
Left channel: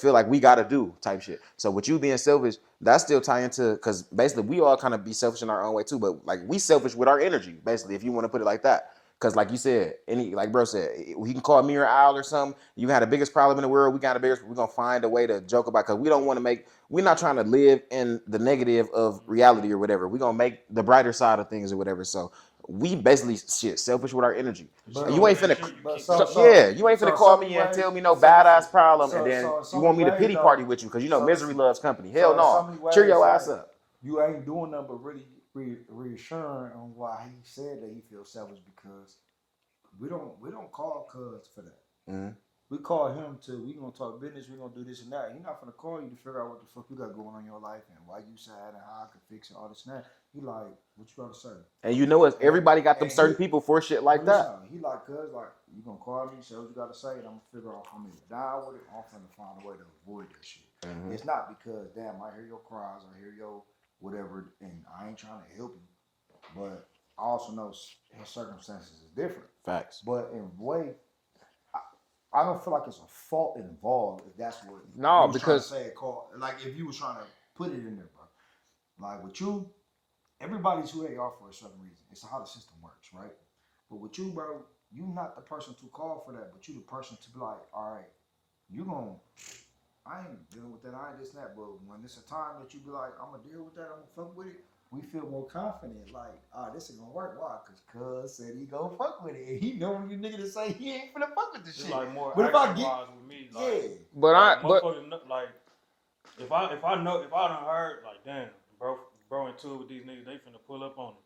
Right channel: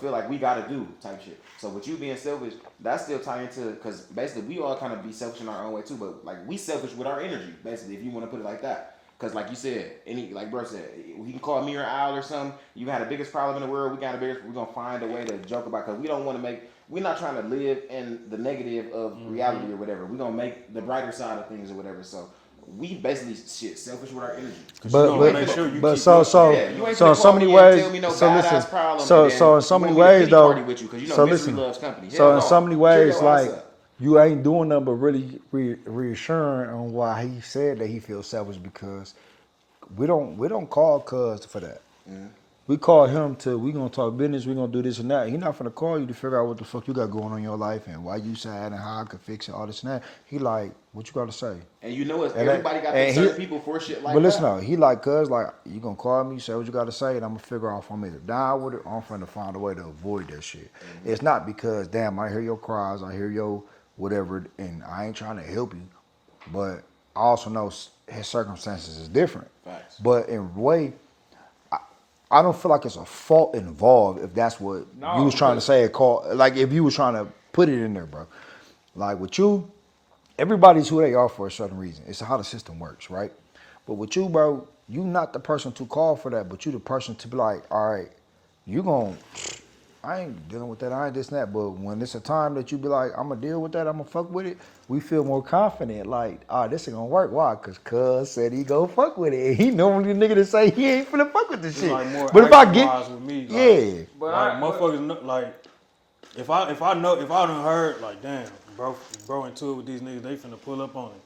feel like we gotta do type shit. So with you being selfish, that's still tie into, because basically we all kind of be selfish in our own way too, but like we selfish with our energy, basically, if you want to put it like that. Because like you said, like bro said, he can call me or Al or something. You had the biggest problem in the world. We got the biggest. We're gonna find a way to joke about, because we don't want to make. We're not trying to live in the negative of reality or whatever. We're gonna make the brighter side of things or whatever. So we basically selfish with our energy. But you ain't make finna, sure you but keep so it so yeah, you ain't so finna in call so many me ways. and tell me no so badass listen, problem. So and then so in so you many want me to ways pity though. party with you, because you know so misery listen, loves company. So Hell in no. so many Cheer ways, your ass like up. you ain't doing nothing but really reassuring on why he said that he feels selfish, because we don't call Cuz for that. Mm-hmm. We call him we gonna talk business, we gonna do this and that. He not finna call you to figure out what the fuck you got going on in your life and why you sad and how I can fix it, all this and that. He like, what you gotta say? And you know what? And Everybody got them and certain he- people for shit like But listen, that. though, he like, Cuz, like, you gonna call me, say what you gotta say, and I'm gonna figure out if I'm either down with it or I'm finna find a way to avoid that shit. It's not because, damn, I hear your cries, I hear your whatever, and I ain't trying to help you, but I also know his circumstances is different. Facts. But in a way, I don't feel like it's a fault involved if that's what No, you was trying to because- say. Like if you was trying to put it in there, bro. Like with you, everybody's who they are for a certain reason. It's how the system works, right? But with you, bro, you not the person to call for that, but you the person to be like, all right, I ain't dealing with that, I ain't this and that. But when it's a time that you be like, I'm gonna deal with that, I'm gonna fuck with it, we feel more confident. Like, this ain't gonna work. Why? Because Cuz said he go fuck with it. And he normally the nigga to say he ain't finna fuck with this It's shit. like more But if I get, action-wise with me, like, yeah. But like, I motherfuckers know, like if I done heard like damn bro into it with these niggas, they finna pull up on him.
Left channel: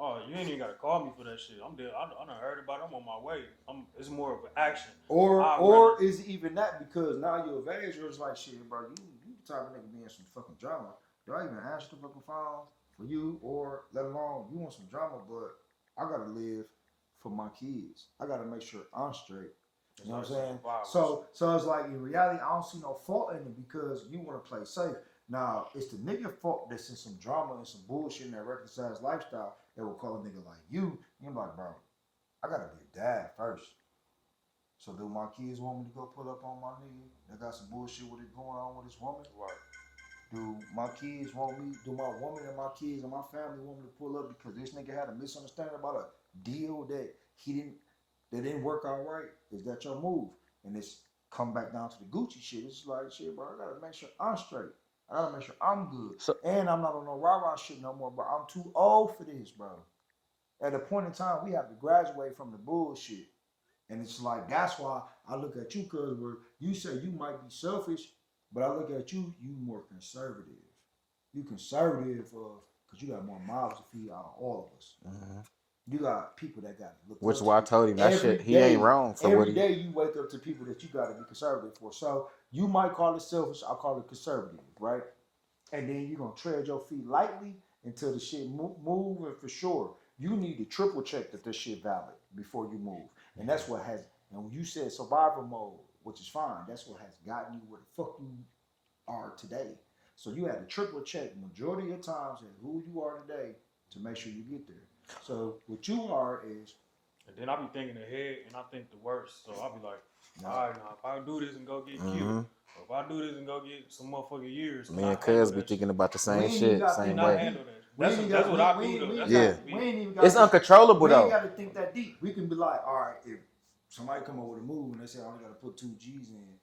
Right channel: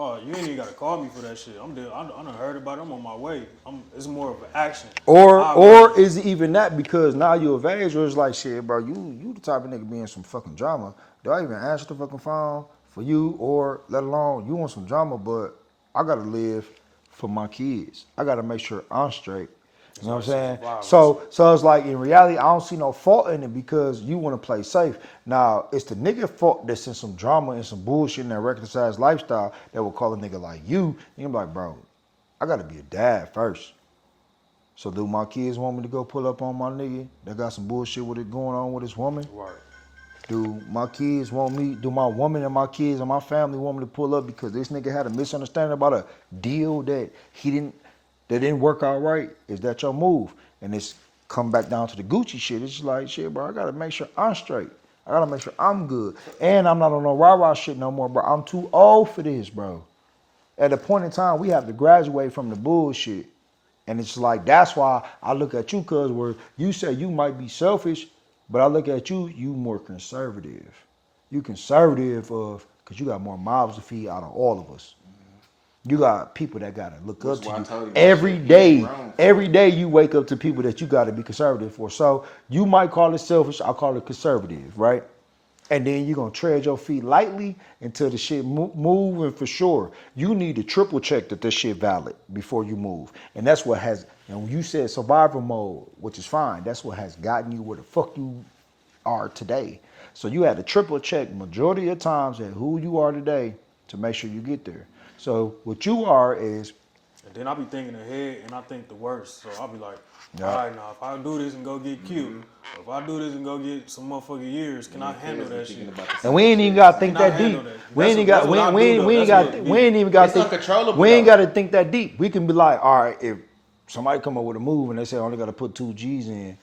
oh, you ain't even gotta call me for that shit. I'm dead. I done heard about it. I'm on my way. It's more of an action. Or is it even that because now you're of age, or it's like shit, bro? You the type of nigga be in some fucking drama. Do I even answer the fucking phone for you, or let alone you want some drama? But I gotta live for my kids. I gotta make sure I'm straight. You know what I'm saying? So it's like in reality, I don't see no fault in it because you want to play safe. Now it's the nigga fault that's in some drama and some bullshit in that recognized lifestyle that will call a nigga like you. And you're like, bro, I gotta be a dad first. So do my kids want me to go pull up on my nigga that got some bullshit with it going on with his woman? Right. Do my kids want me, do my woman and my kids and my family want me to pull up because this nigga had a misunderstanding about a deal that didn't work out right? Is that your move? And it's come back down to the Gucci shit. It's just like, shit, bro, I gotta make sure I'm straight. I gotta make sure I'm good. And I'm not on no rah-rah shit no more, bro. I'm too old for this, bro. At a point in time, we have to graduate from the bullshit. And it's like, that's why I look at you, cuz where you say you might be selfish, but I look at you, you more conservative. You conservative because you got more mouths to feed out of all of us. You got people that gotta look up to why I you told you that every shit. He day. ain't wrong for Every what day you wake up to people that you gotta be conservative for. So you might call it selfish, I'll call it conservative, right? And then you're gonna tread your feet lightly until the shit move. And for sure, you need to triple check that this shit valid before you move. And that's what has, and you said survival mode, which is fine. That's what has gotten you where the fuck you are today. So you had to triple check majority of times at who you are today to make sure you get there. So what you are is, And then I be thinking ahead, and I think the worst. So I'll be like, all right, now if I do this and go get killed, if I do this and go get some motherfucking years, can I handle that shit? About the and we ain't even got to think that deep. We ain't got to think that deep. We can be like, all right, if somebody come up with a move and they say I only got to put 2 G's in,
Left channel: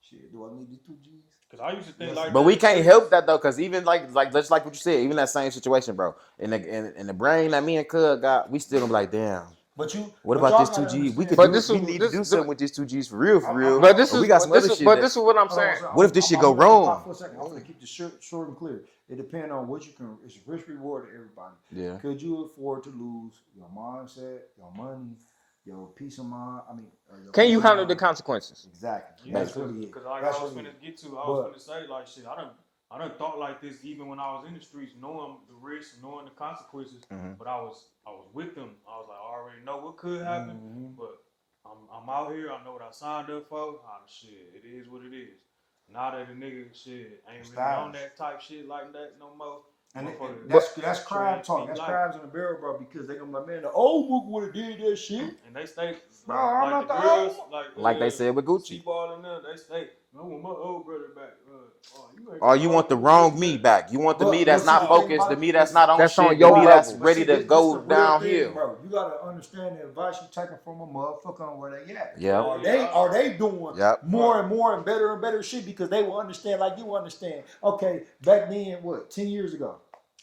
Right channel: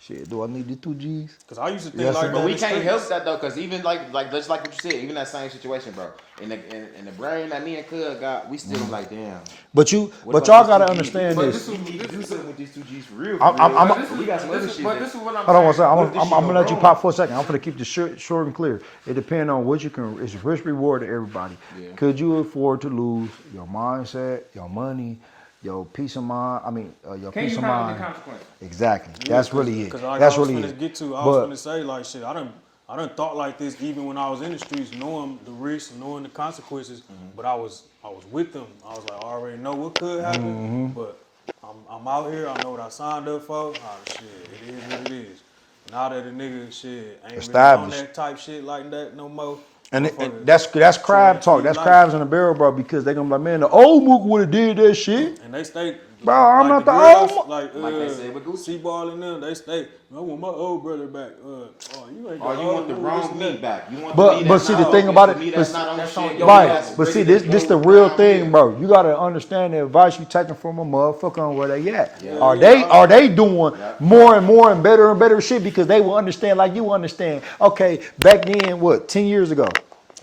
shit, do I need the 2 G's? Because I used to think like that. But we can't help that though, because even like just like what you said, even that same situation, bro. In the brain that me and Cuz got, we still like, damn. But y'all gotta understand. But we need to do something with these 2 G's for real. But this is what I'm saying. What if this shit go wrong? I'm gonna let you pop for a second. I'm gonna keep this short and clear. It depends on what you can. It's risk reward to everybody. Yeah. Could you afford to lose your mindset, your money, your peace of mind? I mean, your Can peace you of handle mind? The consequences? Exactly. That's really it. Because That's I was really finna it. get to. I was gonna say like shit. I done thought like this even when I was in the streets, knowing the risks, knowing the consequences. But I was with them. I was like, I already know what could happen. But I'm out here. I know what I signed up for. Oh shit, it is what it is. Now that the nigga shit ain't really on that type shit like that no more. And that's crab talk. That's crabs in the barrel, bro. Because they gonna be like, man, the old Mook would have did that shit. And they stay. Bro, I'm not the old. Like they said with Gucci. C-Ball and them, they stay. I want my old brother back. You want the wrong me back. You want but, the me that's but see, not the thing about it, the me that's not on that's shit. on your right. level. But see, this the real thing, bro. You gotta understand the advice you taking from a motherfucker on where they at. Yeah. Are they doing more and more and better shit because they will understand like you understand. Okay, back then, 10 years ago?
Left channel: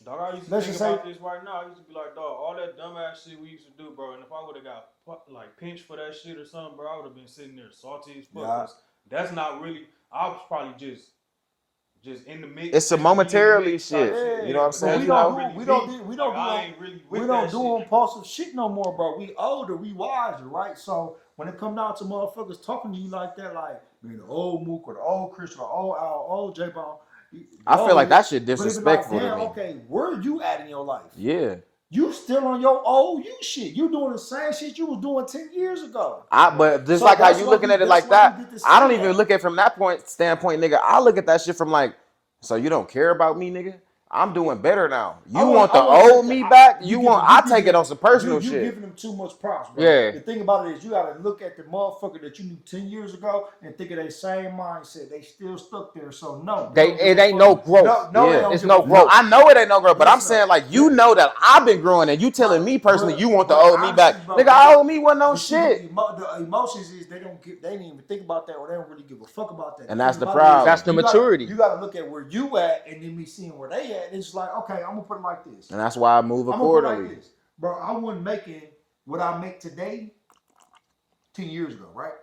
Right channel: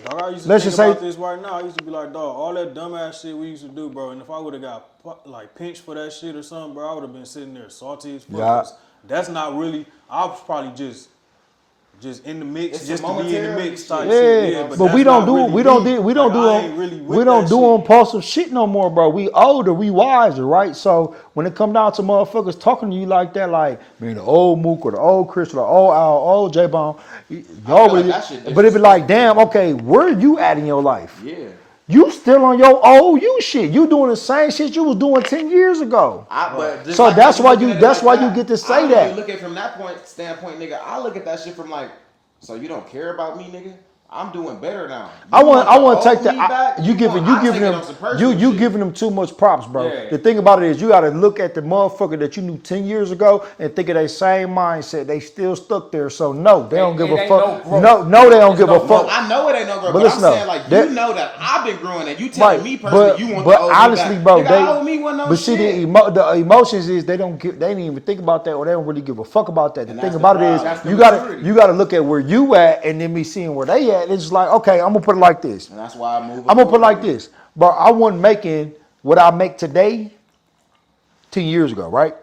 I used to think about this right now. I used to be like, dog, all that dumbass shit we used to do, bro. And if I would have got like pinched for that shit or something, bro, I would have been sitting there salty as fuck. Yeah. That's not really. I was probably just in the mix. It's a momentary shit. Yeah, but we don't do impulsive shit no more, bro. We older, we wiser, right? So when it come down to motherfuckers talking to you like that, like man, the old Mook or the old Chris or the old Al, old J-Bone, I feel like that shit but it be like, damn, okay, where you at in your life? Yeah. You still on your old you shit. You doing the same shit you was doing 10 years ago. So like that's why you get to say that. I don't even look at it from that standpoint, nigga. I look at that shit from like, so you don't care about me, nigga? I'm doing better now. I want to take that back. You giving them too much props, bro. Yeah. The thing about it is you got to look at the motherfucker that you knew 10 years ago and think of that same mindset. They still stuck there. So no, they don't give a fuck. No, they don't give a fuck. I know it ain't no growth, but I'm saying like you know that I've been growing and you telling me personally you want the old honestly, back. bro, nigga, I owe me one no shit. But see, the emotions is they didn't even think about that or they don't really give a fuck about that. The thing about it is you got to look at where you at and then me seeing where they at. It's like, okay, I'm gonna put it like this. And that's why I'm moving. I'm gonna put it like this. But I wasn't making what I make today 10 years ago, right?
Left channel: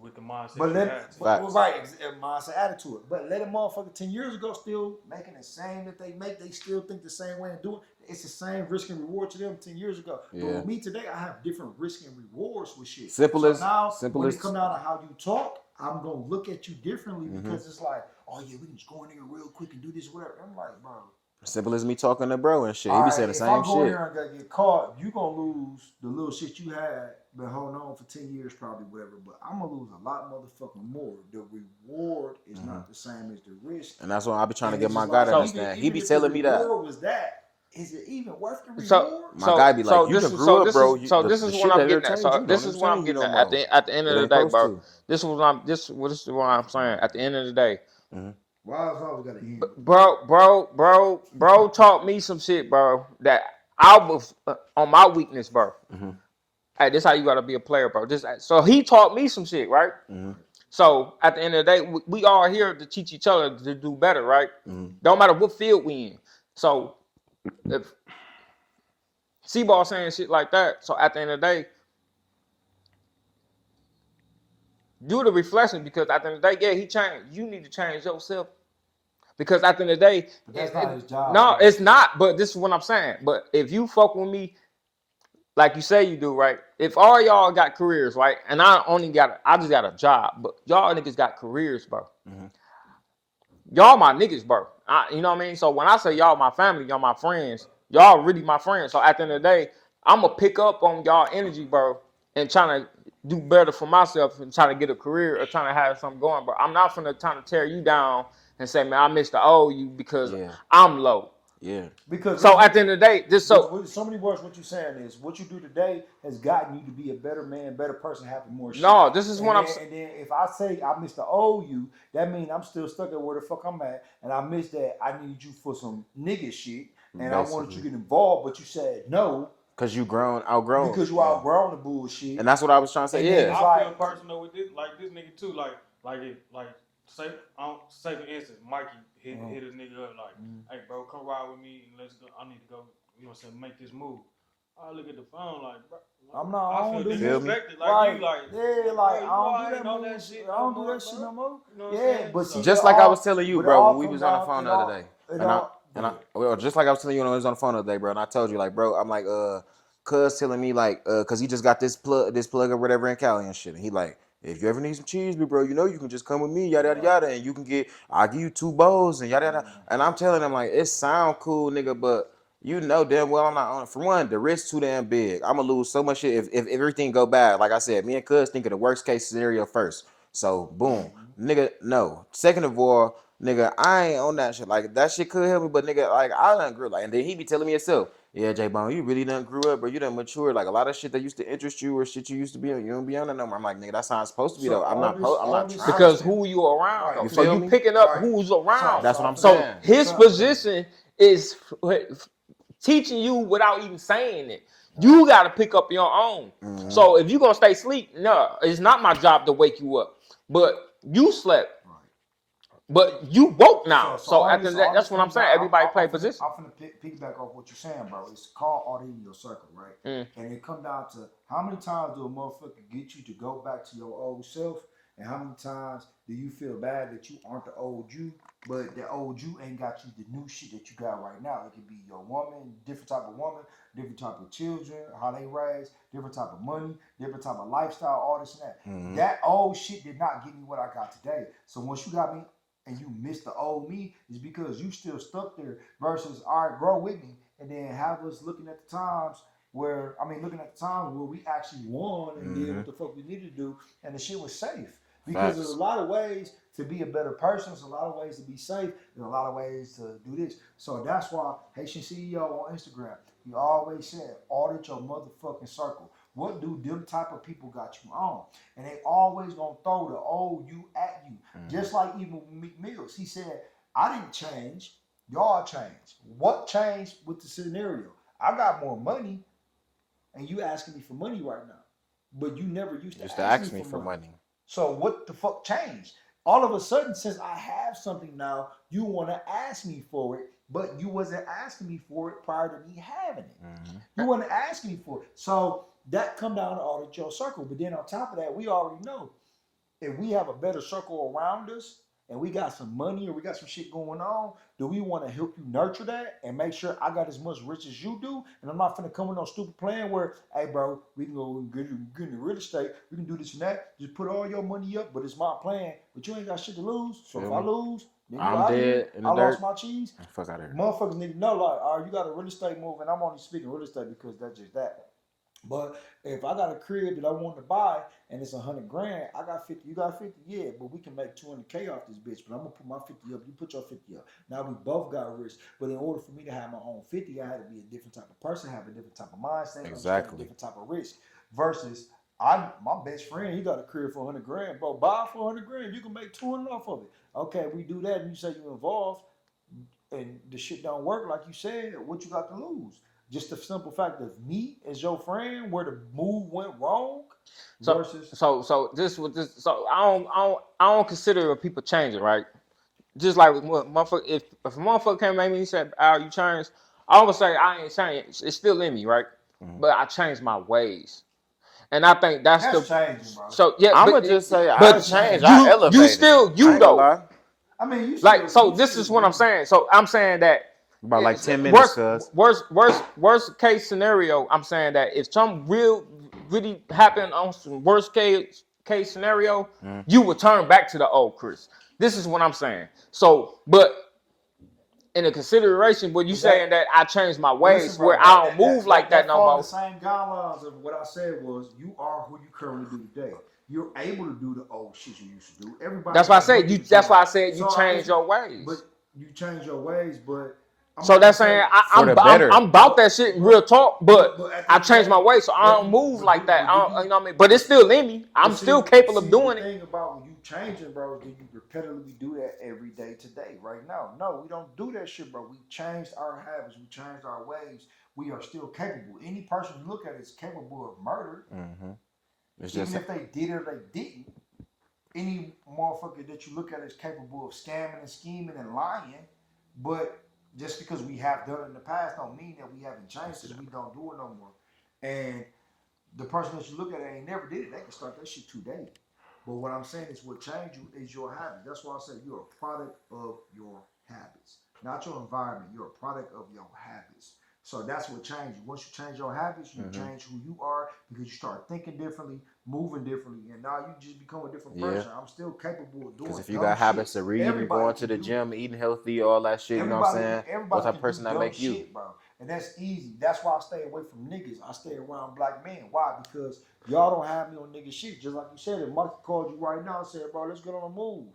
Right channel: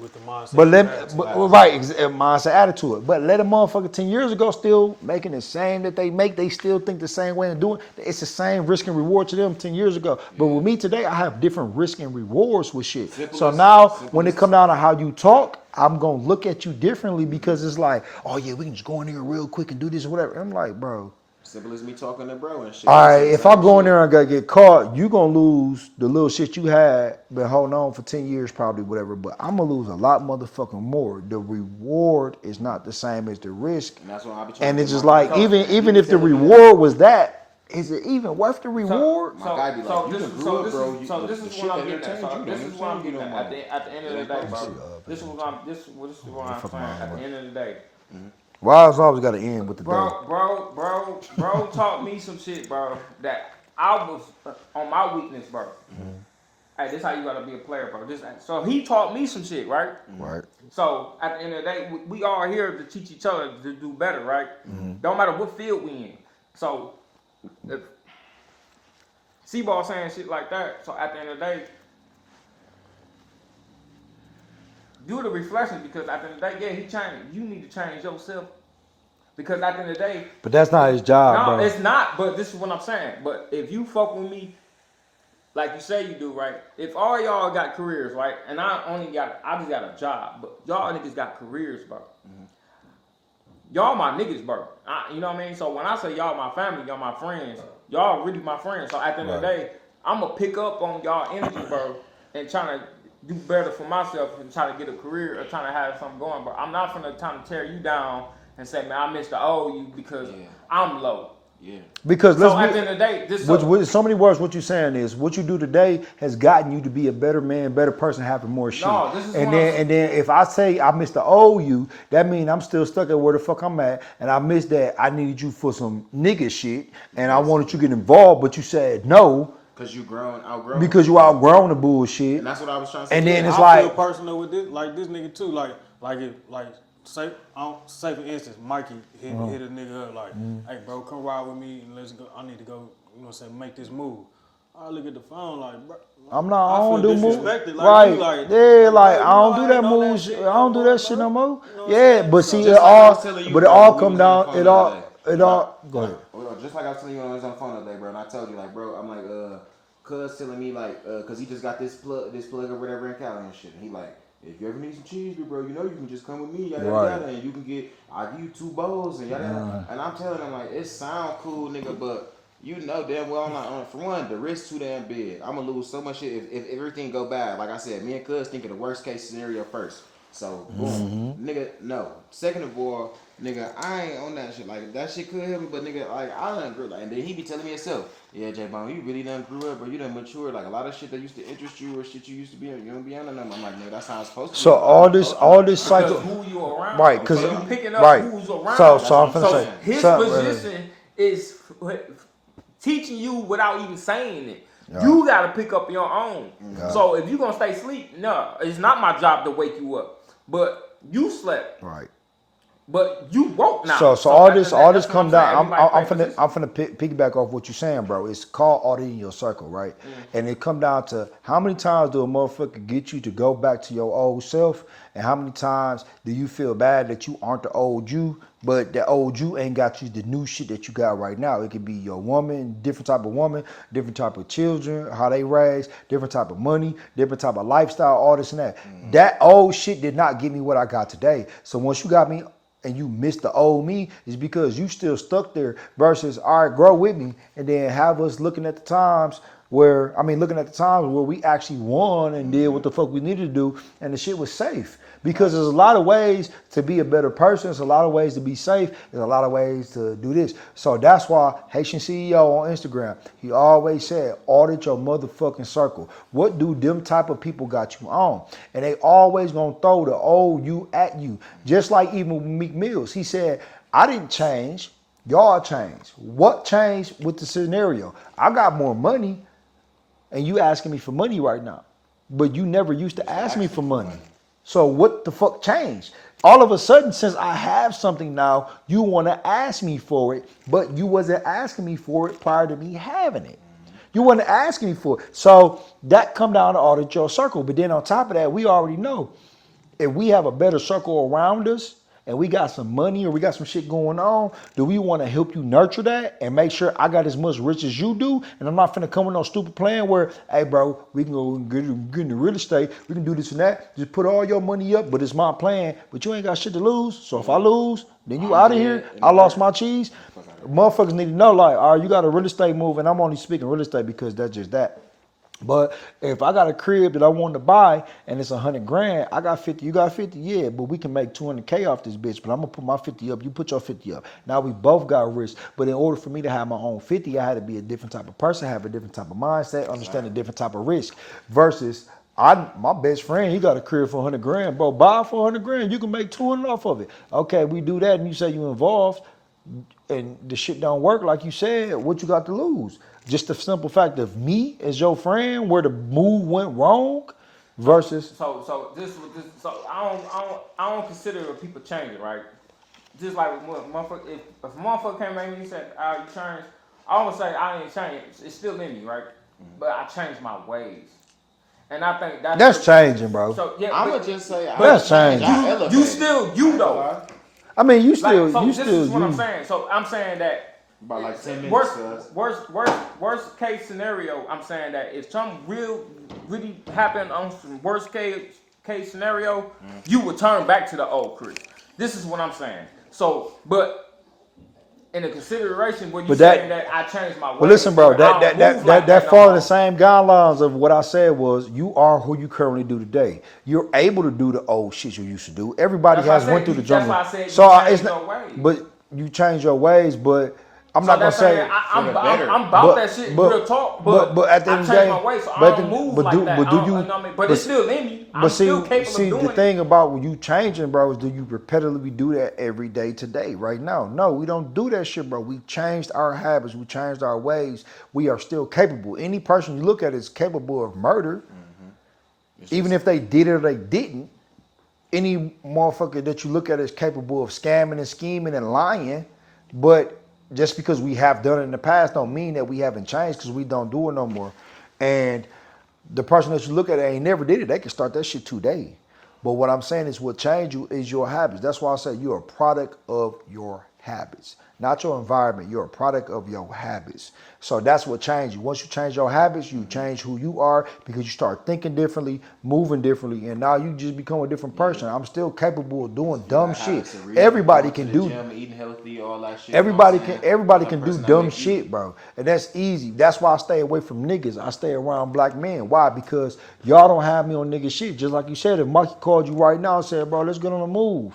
With the mindset. But you let had to. mindset attitude. But let a motherfucker 10 years ago still making the same that they make, they still think the same way and doing it's the same risk and reward to them 10 years ago. But with me today, I have different risk and rewards with shit. So now when it come down to how you talk, I'm gonna look at you differently because it's like, oh yeah, we can just go in there real quick and do this or whatever. I'm like, bro. Simple as me talking to bro and shit. All right, if I'm going there and gonna get caught, you gonna lose the little shit you had been holding on for 10 years, probably whatever. But I'm gonna lose a lot motherfucking more. The reward is not the same as the risk, and that's what I be trying. And to it's get just my like guy even if the reward was that, is it even worth the reward? My guy be like, you just grew up, bro. So this is what I'm getting at. So this is what I'm getting at. At the end of the day, bro. This is what I'm saying. At the end of the day. Why it's always got to end with the bro taught me some shit, bro, that I was on my weakness, bro. Hey, this how you gotta be a player, bro. So he taught me some shit, right? Right. So at the end of the day, we all here to teach each other to do better, right? Don't matter what field we in. So if C-Ball saying shit like that, so at the end of the day, do the reflection, because at the end of the day, yeah, he changed. You need to change yourself. Because at the end of the day... But that's not his job. No, bro. it's not, but this is what I'm saying. But if you fuck with me, like you say you do, right? If all y'all got careers, right? And I just got a job, but y'all niggas got careers, bro. Y'all my niggas, bro. You know what I mean? So when I say y'all my family, y'all my friends, y'all really my friends. So at the end of the day, I'm going to pick up on y'all energy, bro, and trying to do better for myself and trying to get a career or trying to have something going, bro. I'm not finna trying to tear you down and say, man, I Mr. O you because I'm low. Yeah. Because so at the end of the day, with so many words, what you're saying is what you do today has gotten you to be a better man, better person, having more shit. No, this is and then if I say I Mr. O you, that means I'm still stuck at where the fuck I'm at, and I missed that I needed you for some nigga shit, and I wanted you to get involved, but you said no. Because you outgrown. Because you outgrown the bullshit. And that's what I was trying to say. And then it's I like feel personal with this, like this nigga too. Say for instance, Mikey hit a nigga up like, hey bro, come ride with me and let's go. I need to go, you know what I'm saying, make this move. I look at the phone like, bro. I don't do moves. Like, right. Like, yeah, like I don't do that moves. I don't do that shit no more. Yeah, but see, just like I was telling you, but bro, it all come down. Well, just like I was telling you when I was on the phone the other day, bro, and I told you, like, bro, I'm like, cuz telling me like, cause he just got this plug or whatever in Cali and shit. And he like, if you ever need some cheese, bro, you know you can just come with me, yada yada, and you can I'll give you 2 bowls and yada yada. And I'm telling him like, it sound cool, nigga, but you know damn well I'm not. For one, the risk too damn big. I'm gonna lose so much shit if everything go bad. Like I said, me and cuz think of the worst case scenario first. So boom, nigga, no. Second of all, nigga, I ain't on that shit. Like that shit could help me, but nigga, like I done grew up. Like, and then he be telling me himself, yeah, J-Bone, you really done grew up, or you done matured. Like a lot of shit that used to interest you or shit you used to be on, you don't be on it no more. I'm like, nigga, that's how it's supposed to be. So all this because who you around, right? Because so you picking up who's around. So his position is teaching you without even saying it. Yeah. You got to pick up your own. Yeah. So if you gonna stay asleep, no, it's not my job to wake you up. But you slept. Right. But you woke now. So all this come down. I'm finna piggyback off what you're saying, bro. It's called auditing your circle, right? And it come down to how many times do a motherfucker get you to go back to your old self, and how many times do you feel bad that you aren't the old you, but the old you ain't got you the new shit that you got right now. It could be your woman, different type of woman, different type of children, how they raised, different type of money, different type of lifestyle, all this and that. That old shit did not give me what I got today. So once you got me and you missed the old me, is because you still stuck there versus, all right, grow with me, and then have us looking at the times where we actually won and did what the fuck we needed to do, and the shit was safe. Because there's a lot of ways to be a better person. There's a lot of ways to be safe. There's a lot of ways to do this. So that's why Haitian CEO on Instagram, he always said, audit your motherfucking circle. What do them type of people got you on? And they always gonna throw the old you at you. Just like even with Meek Mills. He said, I didn't change. Y'all changed. What changed with the scenario? I got more money, and you asking me for money right now. But you never used to ask me for money. So what the fuck changed? All of a sudden, since I have something now, you want to ask me for it, but you wasn't asking me for it prior to me having it. You wasn't asking me for it. So that come down to audit your circle. But then on top of that, we already know if we have a better circle around us and we got some money or we got some shit going on, do we want to help you nurture that and make sure I got as much rich as you do? And I'm not finna come with no stupid plan where, hey, bro, we can go get into real estate. We can do this and that. Just put all your money up, but it's my plan. But you ain't got shit to lose. So if I lose, then you out of here. I lost my cheese. Motherfuckers need to know, like, all right, you got a real estate move, and I'm only speaking real estate because that's just that. But if I got a crib that I wanted to buy and it's $100,000, I got 50, you got 50, yeah, but we can make $200K off this bitch. But I'm gonna put my 50 up, you put your 50 up. Now we both got risk. But in order for me to have my own 50, I had to be a different type of person, have a different type of mindset, understand a different type of risk. Versus my best friend, he got a crib for $100,000, bro. Buy it for $100,000, you can make 200 off of it. Okay, we do that, and you say you involved, and the shit don't work like you said. What you got to lose? Just the simple fact of me as your friend, where the move went wrong, versus. So I don't consider people changing, right? Just like with motherfucker, if a motherfucker came at me and said, "Oh, you changed," I'm gonna say I ain't changed. It's still in me, right? But I changed my ways, and I think that's changing, bro. So yeah, I'm gonna just say that's changing. You still though. I mean, you still. Like, so you this still, is what I'm saying. So I'm saying that. About like 10 minutes. Worst case scenario, I'm saying that if something really happened on some worst case scenario, you would turn back to the old Chris. This is what I'm saying. So, but in a consideration when you saying that I changed my ways. Well, listen, bro, that fall in the no same guidelines of what I said was you are who you currently do today. You're able to do the old shit you used to do. Everybody That's has why I went through said the that's jungle. why I said So you change your ways. But you change your ways, but I'm so not that's gonna say saying I'm about that shit, real talk. But at the I end of the changed day, my ways, so I don't move like that. But it's still in me. I'm still capable of doing it. The thing about when you changing, bro, is do you repetitively do that every day today, right now? No, we don't do that shit, bro. We changed our habits. We changed our ways. We are still capable. Any person you look at is capable of murder, even if they did it or they didn't. Any motherfucker that you look at is capable of scamming and scheming and lying, but just because we have done it in the past don't mean that we haven't changed because we don't do it no more. And the person that you look at ain't never did it. They can start that shit today. But what I'm saying is what changed you is your habits. That's why I say you're a product of your habits, not your environment. You're a product of your habits. So that's what changed you. Once you change your habits, you change who you are because you start thinking differently, moving differently, and now you just become a different person. I'm still capable of doing dumb shit. Everybody can do gym, eating healthy, all that shit. Everybody can do dumb shit, bro. And that's easy. That's why I stay away from niggas. I stay around black men. Why? Because y'all don't have me on nigga shit. Just like you said, if Mikey called you right now and said, bro, let's get on the move.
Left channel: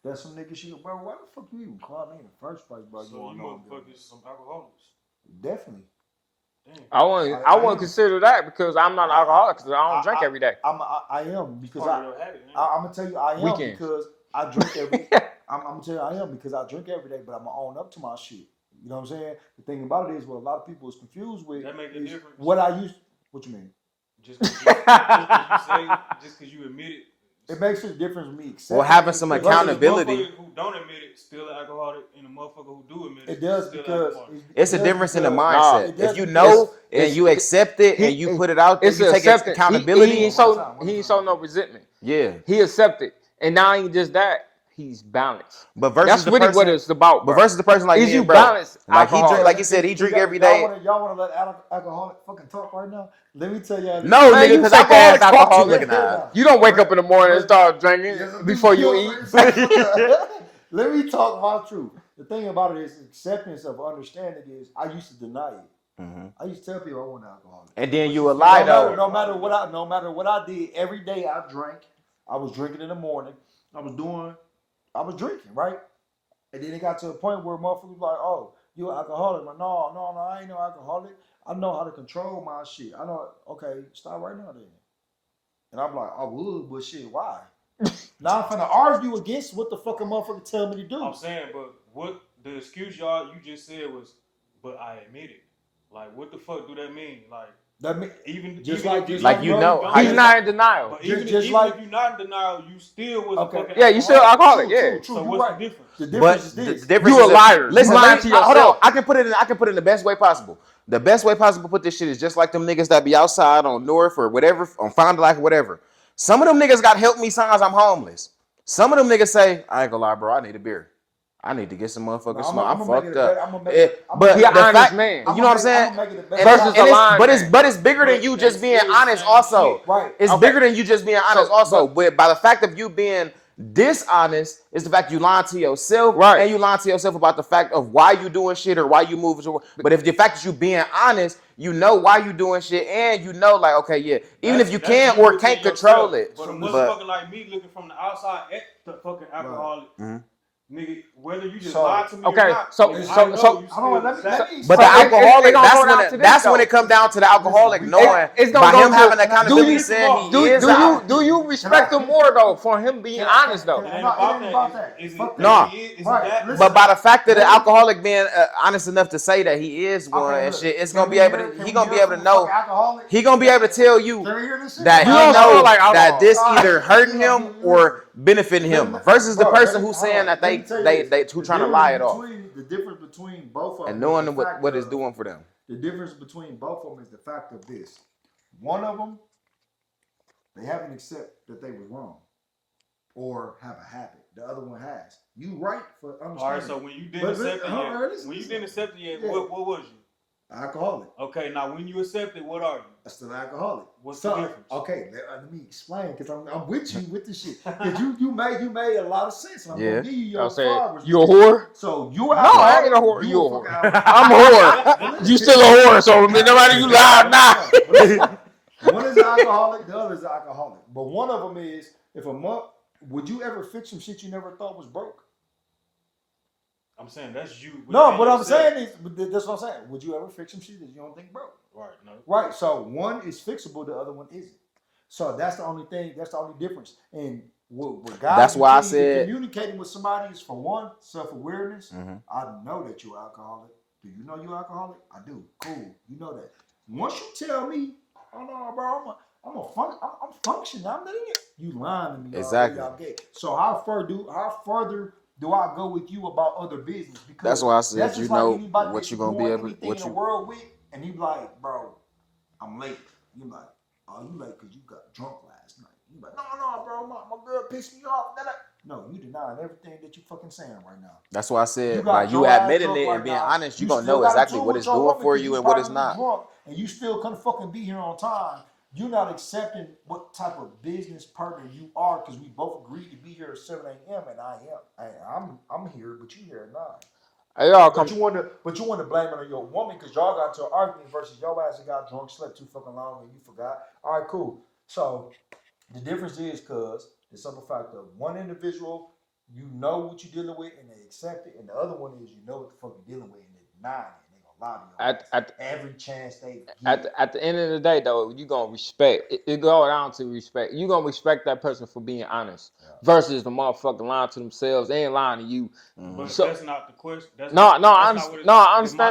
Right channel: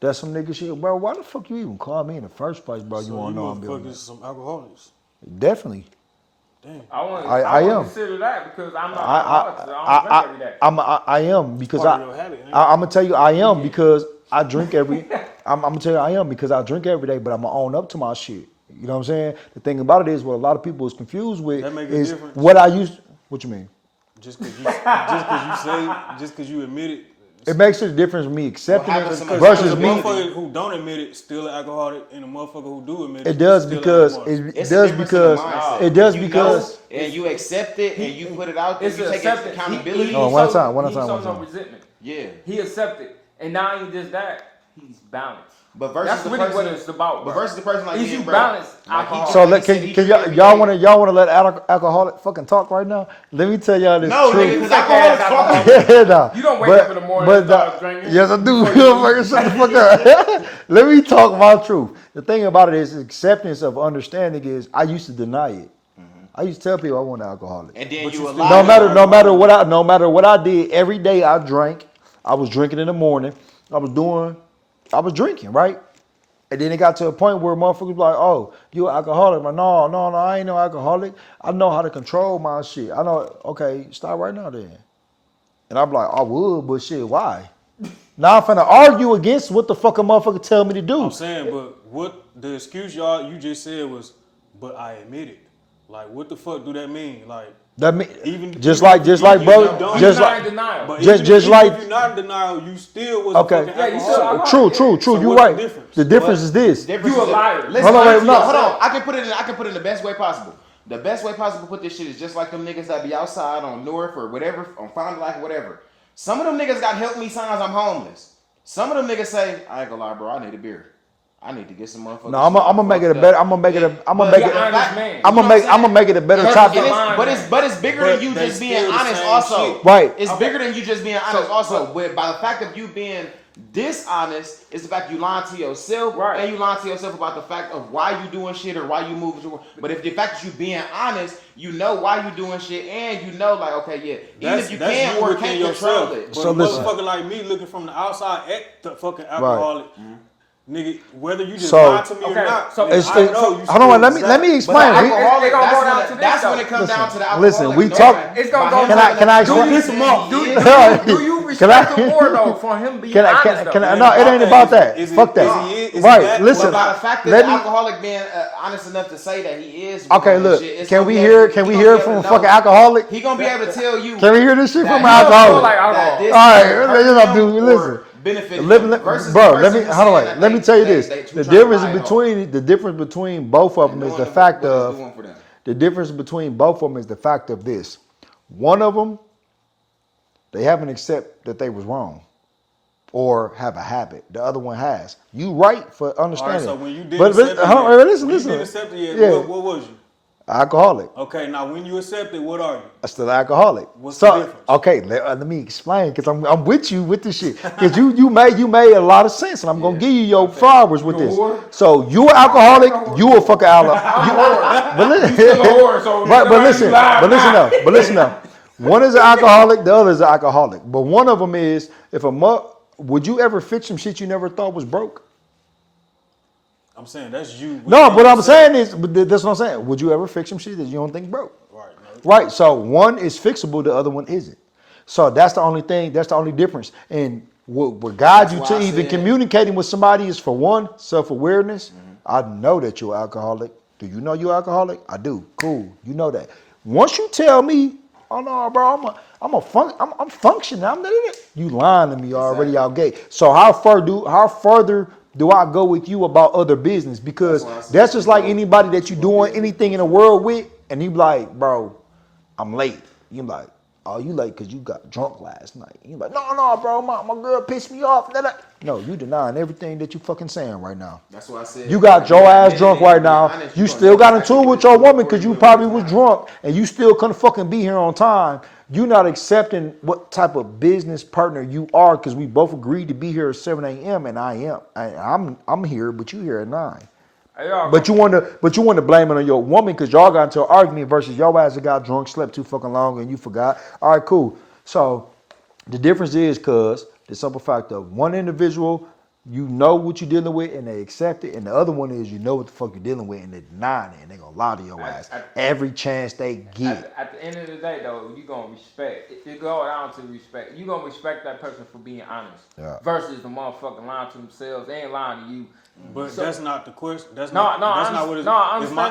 That's some nigga shit. Bro, why the fuck you even call me in the first place, bro? So you want to know I'm fucking building some alcoholics. Definitely. Damn. I wouldn't consider that because I'm not alcoholic. I don't drink every day. I am because I'm gonna tell you I am because I drink every. I'm gonna tell you I am because I drink every day, but I'm gonna own up to my shit. You know what I'm saying? The thing about it is what a lot of people is confused with is what I used. What you mean? Just because you admit it. It makes a difference with me accepting having it some versus accountability. A motherfucker who don't admit it still an alcoholic, and a motherfucker who do admit it. It does still because it's a difference in the mindset. It does because and you accept it and you put it out there. It's you take accountability. He showed no resentment. Yeah. He accepted, and now he just that. He's balanced. But versus that's really what it's about. But versus the person like is you bro. balanced? Like he so like he said, he drink every y'all day. y'all want to let alcoholic fucking talk right now? Let me tell y'all this. No, nigga, because I can ask alcoholic. Yeah, nah. You don't wake up in the morning and start drinking. Yes, I do. Before you eat. Let me talk my truth. The thing about it is acceptance of understanding is I used to deny it. I used to tell people I wasn't an alcoholic. And then you lie. No matter what I did, every day I drank. I was drinking in the morning. I was drinking, right? And then it got to a point where motherfuckers like, oh, you an alcoholic. I'm like, no, I ain't no alcoholic. I know how to control my shit. I know, okay, stop right now then. And I'm like, I would, but shit, why? Now I'm finna argue against what the fuck a motherfucker tell me to do. I'm saying, but what the excuse you just said was, but I admit it. Like, what the fuck do that mean? Like, that mean, even just like bro, he's not in denial. But just even like if you're not in denial, you still was okay. A fucking yeah, you still alcoholic. True. So You're what's right. The difference? The difference is this. You a liar. Listen, hold on. I can put it in the best way possible. The best way possible to put this shit is just like them niggas that be outside on North or whatever, on Fond du Lac, whatever. Some of them niggas got help me signs I'm homeless. Some of them niggas say, I ain't gonna lie, bro, I need a beer. I need to get some motherfuckers. No, I'm gonna make it a better. I'm gonna make it. I'm gonna make it a better topic. But it's bigger than you just being honest. Also, right? It's bigger than you just being honest. Also, but by the fact of you being dishonest is the fact you lying to yourself, right? And you lying to yourself about the fact of why you doing shit or why you moving. But if the fact that you being honest, you know why you doing shit, and you know like okay, yeah, even if you can't or can't control it. But a motherfucker like me looking from the outside at the fucking alcoholic. Right. Nigga, whether you just lie to me or not, so hold on, let me explain. But the alcoholic, that's when it comes down to the alcoholic. Listen, we talk. It's gonna go down. Do you respect him more though for him being honest? No, it ain't about that. Fuck that. Right. Listen. But by the fact that the alcoholic being honest enough to say that he is. Okay, look. Can we hear it from a fucking alcoholic? He gonna be able to tell you. Can we hear this shit from an alcoholic? alcoholic? That this hurt him or benefit him versus the person who's saying that. Let me tell you this: the difference between both of them is the fact of the difference between both of them is the fact of this. One of them, they haven't accepted that they was wrong, or have a habit. The other one has. You right for understanding. All right, so when you didn't accept it, what was you? Alcoholic. Okay, now when you accept it, what are you? I'm still alcoholic. What's the difference? Okay, let me explain because I'm with you with this shit. Because you made a lot of sense, and I'm gonna give you your flowers with this. Whore? So you an alcoholic, you a fucking alcoholic. You still a whore, so but listen up. One is an alcoholic, the other is an alcoholic. But one of them is would you ever fix some shit you never thought was broke? I'm saying that's you. No, what I'm saying is, that's what I'm saying. Would you ever fix some shit that you don't think broke? Right. So one is fixable, the other one isn't. So that's the only thing. That's the only difference. And what guides you to even communicating with somebody is, for one, self-awareness. Mm-hmm. I know that you're alcoholic. Do you know you're alcoholic? I do. Cool. You know that. Once you tell me, oh no, bro, I'm functioning. You lying to me already, y'all gay. So how further do I go with you about other business? Because that's just like anybody that you doing anything in the world with, and you be like, bro, I'm late. You be like, oh, you late because you got drunk last night. You be like, no, bro, my girl pissed me off. No, you denying everything that you fucking saying right now. That's why I said you got your ass drunk right now. You still got into it with your woman because you probably was drunk, and you still couldn't fucking be here on time. You're not accepting what type of business partner you are, because we both agreed to be here at 7 a.m. and I am. I'm here, but you here at 9. But you want to blame it on your woman because y'all got into an argument versus your ass that got drunk, slept too fucking long, and you forgot. All right, cool. So the difference is, cuz the simple fact of one individual, you know what you're dealing with and they accept it, and the other one is you know what the fuck you're dealing with and they're denying it and they're gonna lie to your ass every chance they get. At the end of the day, though, you gonna respect. It goes down to respect. You gonna respect that person for being honest, versus the motherfucker lying to themselves. They ain't lying to you. But that's not the question. I understand.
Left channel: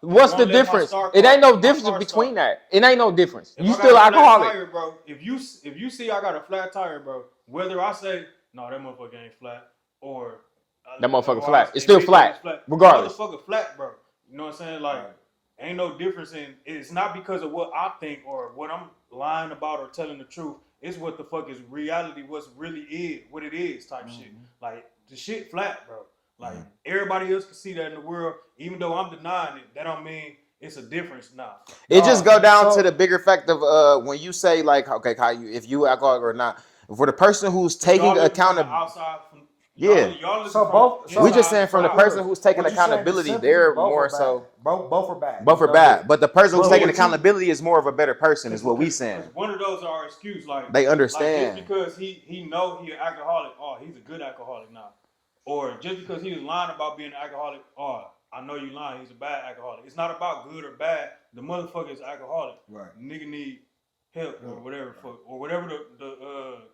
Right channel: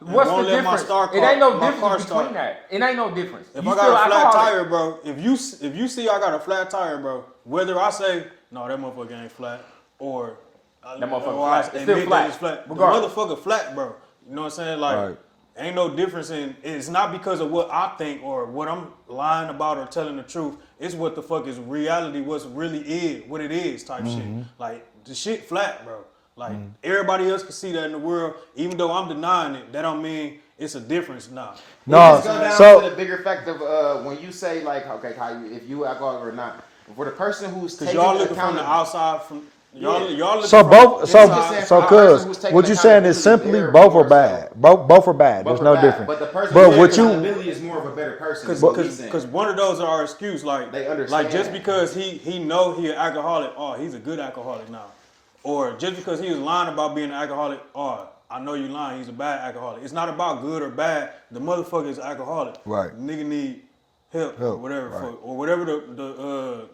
What's the difference? It ain't no difference between that. It ain't no difference. If you still alcoholic, tire, bro. If you see I got a flat tire, bro, whether I say no, that motherfucker ain't flat, or that motherfucker flat, it's still flat. Regardless, motherfucker flat, bro. You know what I'm saying? Like, ain't no difference in. It's not because of what I think or what I'm lying about or telling the truth. It's what the fuck is reality. What it is type shit. Like the shit flat, bro. Like everybody else can see that in the world, even though I'm denying it. That don't mean it's a difference now. It just go down to the bigger fact of when you say like, okay, if you alcoholic or not. For the person who's taking accountability outside from what you saying is simply both are bad. Both are bad. Both are bad. But the person who's taking accountability is more of a better person. Because one of those are our excuse. Like they understand. Like just because he know he an alcoholic, he's a good alcoholic now. Or just because he was lying about being an alcoholic, I know you lying, he's a bad alcoholic. It's not about good or bad. The motherfucker is alcoholic. Right. Nigga need help or whatever, or whatever the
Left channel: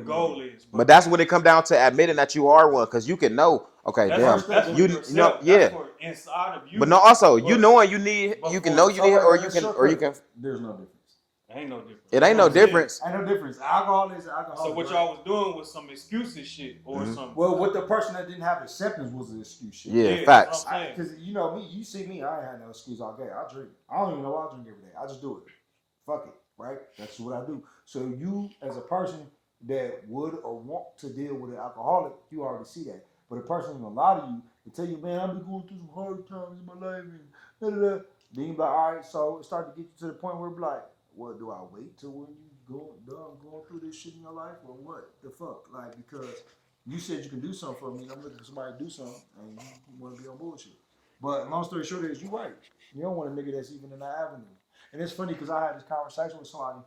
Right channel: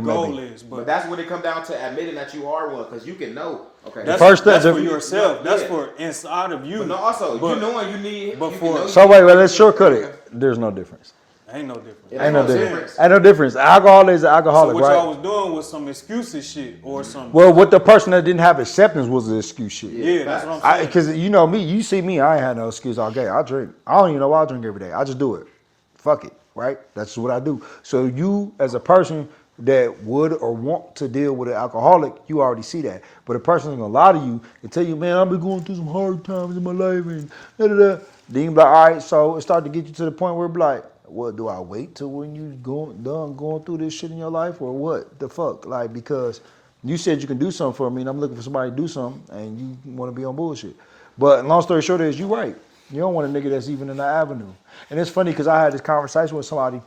goal is. But that's when it comes down to admitting that you are one, because you can know. Okay, that's for yourself. That's for inside of you. But no, also you knowing you need. You can know. So wait, let's shortcut it. There's no difference. Ain't no difference. It ain't no difference. Ain't no difference. Alcohol is alcoholic, right? So what y'all was doing was some excuses shit or something. Well, what the person that didn't have acceptance was the excuse shit. Yeah, facts. Because you know me, you see me, I ain't had no excuse all day. I drink. I don't even know why I drink every day. I just do it. Fuck it. right? That's what I do. So you, as a person that would or want to deal with an alcoholic, you already see that. But a person is gonna lie to you and tell you, man, I've been going through some hard times in my life and da da da. Then you be like, all right, so it started to get you to the point where it be like, what, do I wait till when you done going through this shit in your life, or what the fuck? Like, because you said you can do something for me, and I'm looking for somebody to do something, and you want to be on bullshit. But long story short is, you right. You don't want a nigga that's even in the avenue. And it's funny because I had this conversation with somebody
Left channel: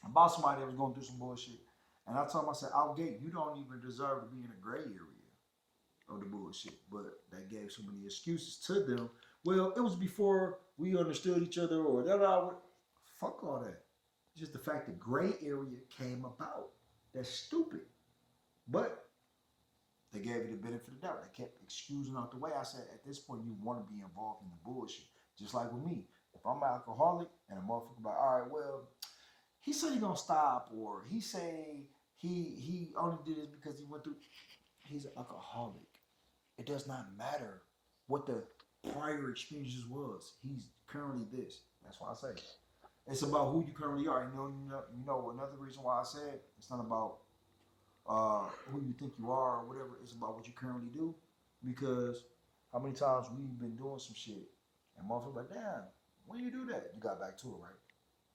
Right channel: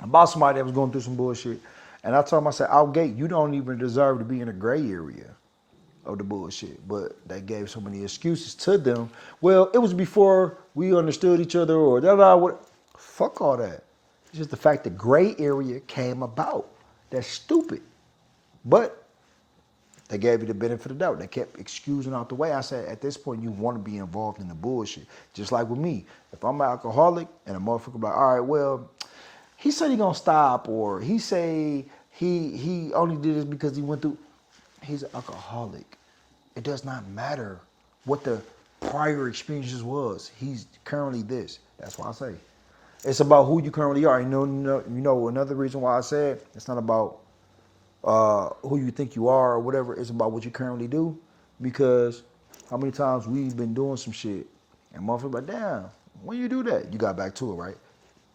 about somebody that was going through some bullshit, and I told him, I said, out gate, you don't even deserve to be in a gray area of the bullshit. But they gave so many excuses to them. Well, it was before we understood each other, or da. Fuck all that. It's just the fact that gray area came about. That's stupid. But they gave you the benefit of the doubt. They kept excusing out the way. I said, at this point, you want to be involved in the bullshit. Just like with me. If I'm an alcoholic and a motherfucker be like, all right, well, he said he gonna stop, or he say he only did this because he went through. He's an alcoholic. It does not matter what the prior experiences was. He's currently this. That's why I say it's about who you currently are. You know another reason why I said it's not about who you think you are or whatever. It's about what you currently do. Because how many times we've been doing some shit and motherfuckers like, damn, when you do that, you got back to it, right?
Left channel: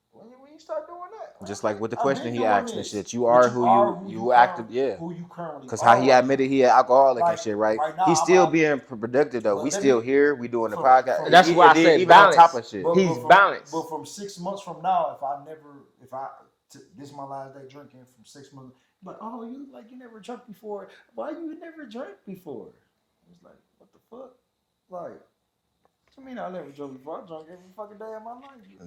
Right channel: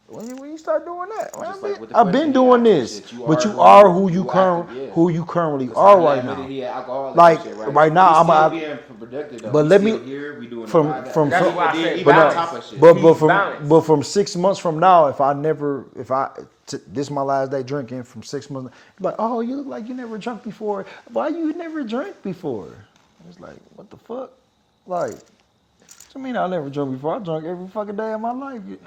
When you start doing that, Just like with the I've question been he doing asked this, and shit, but you are who you Because currently how are he right admitted now. he had alcoholic Like, and shit, right? right now, he's I'm still out- being productive though. but We let me- still here. We doing from- the podcast. from- That's why I said even on balance. top of shit. But from 6 months from now, this is my last day drinking. From 6 months, like, oh, you look like you never drunk before. Why you never drank before? It's like, what the fuck? Like, what you mean I never drunk before? I drunk every fucking day of my life. Yeah.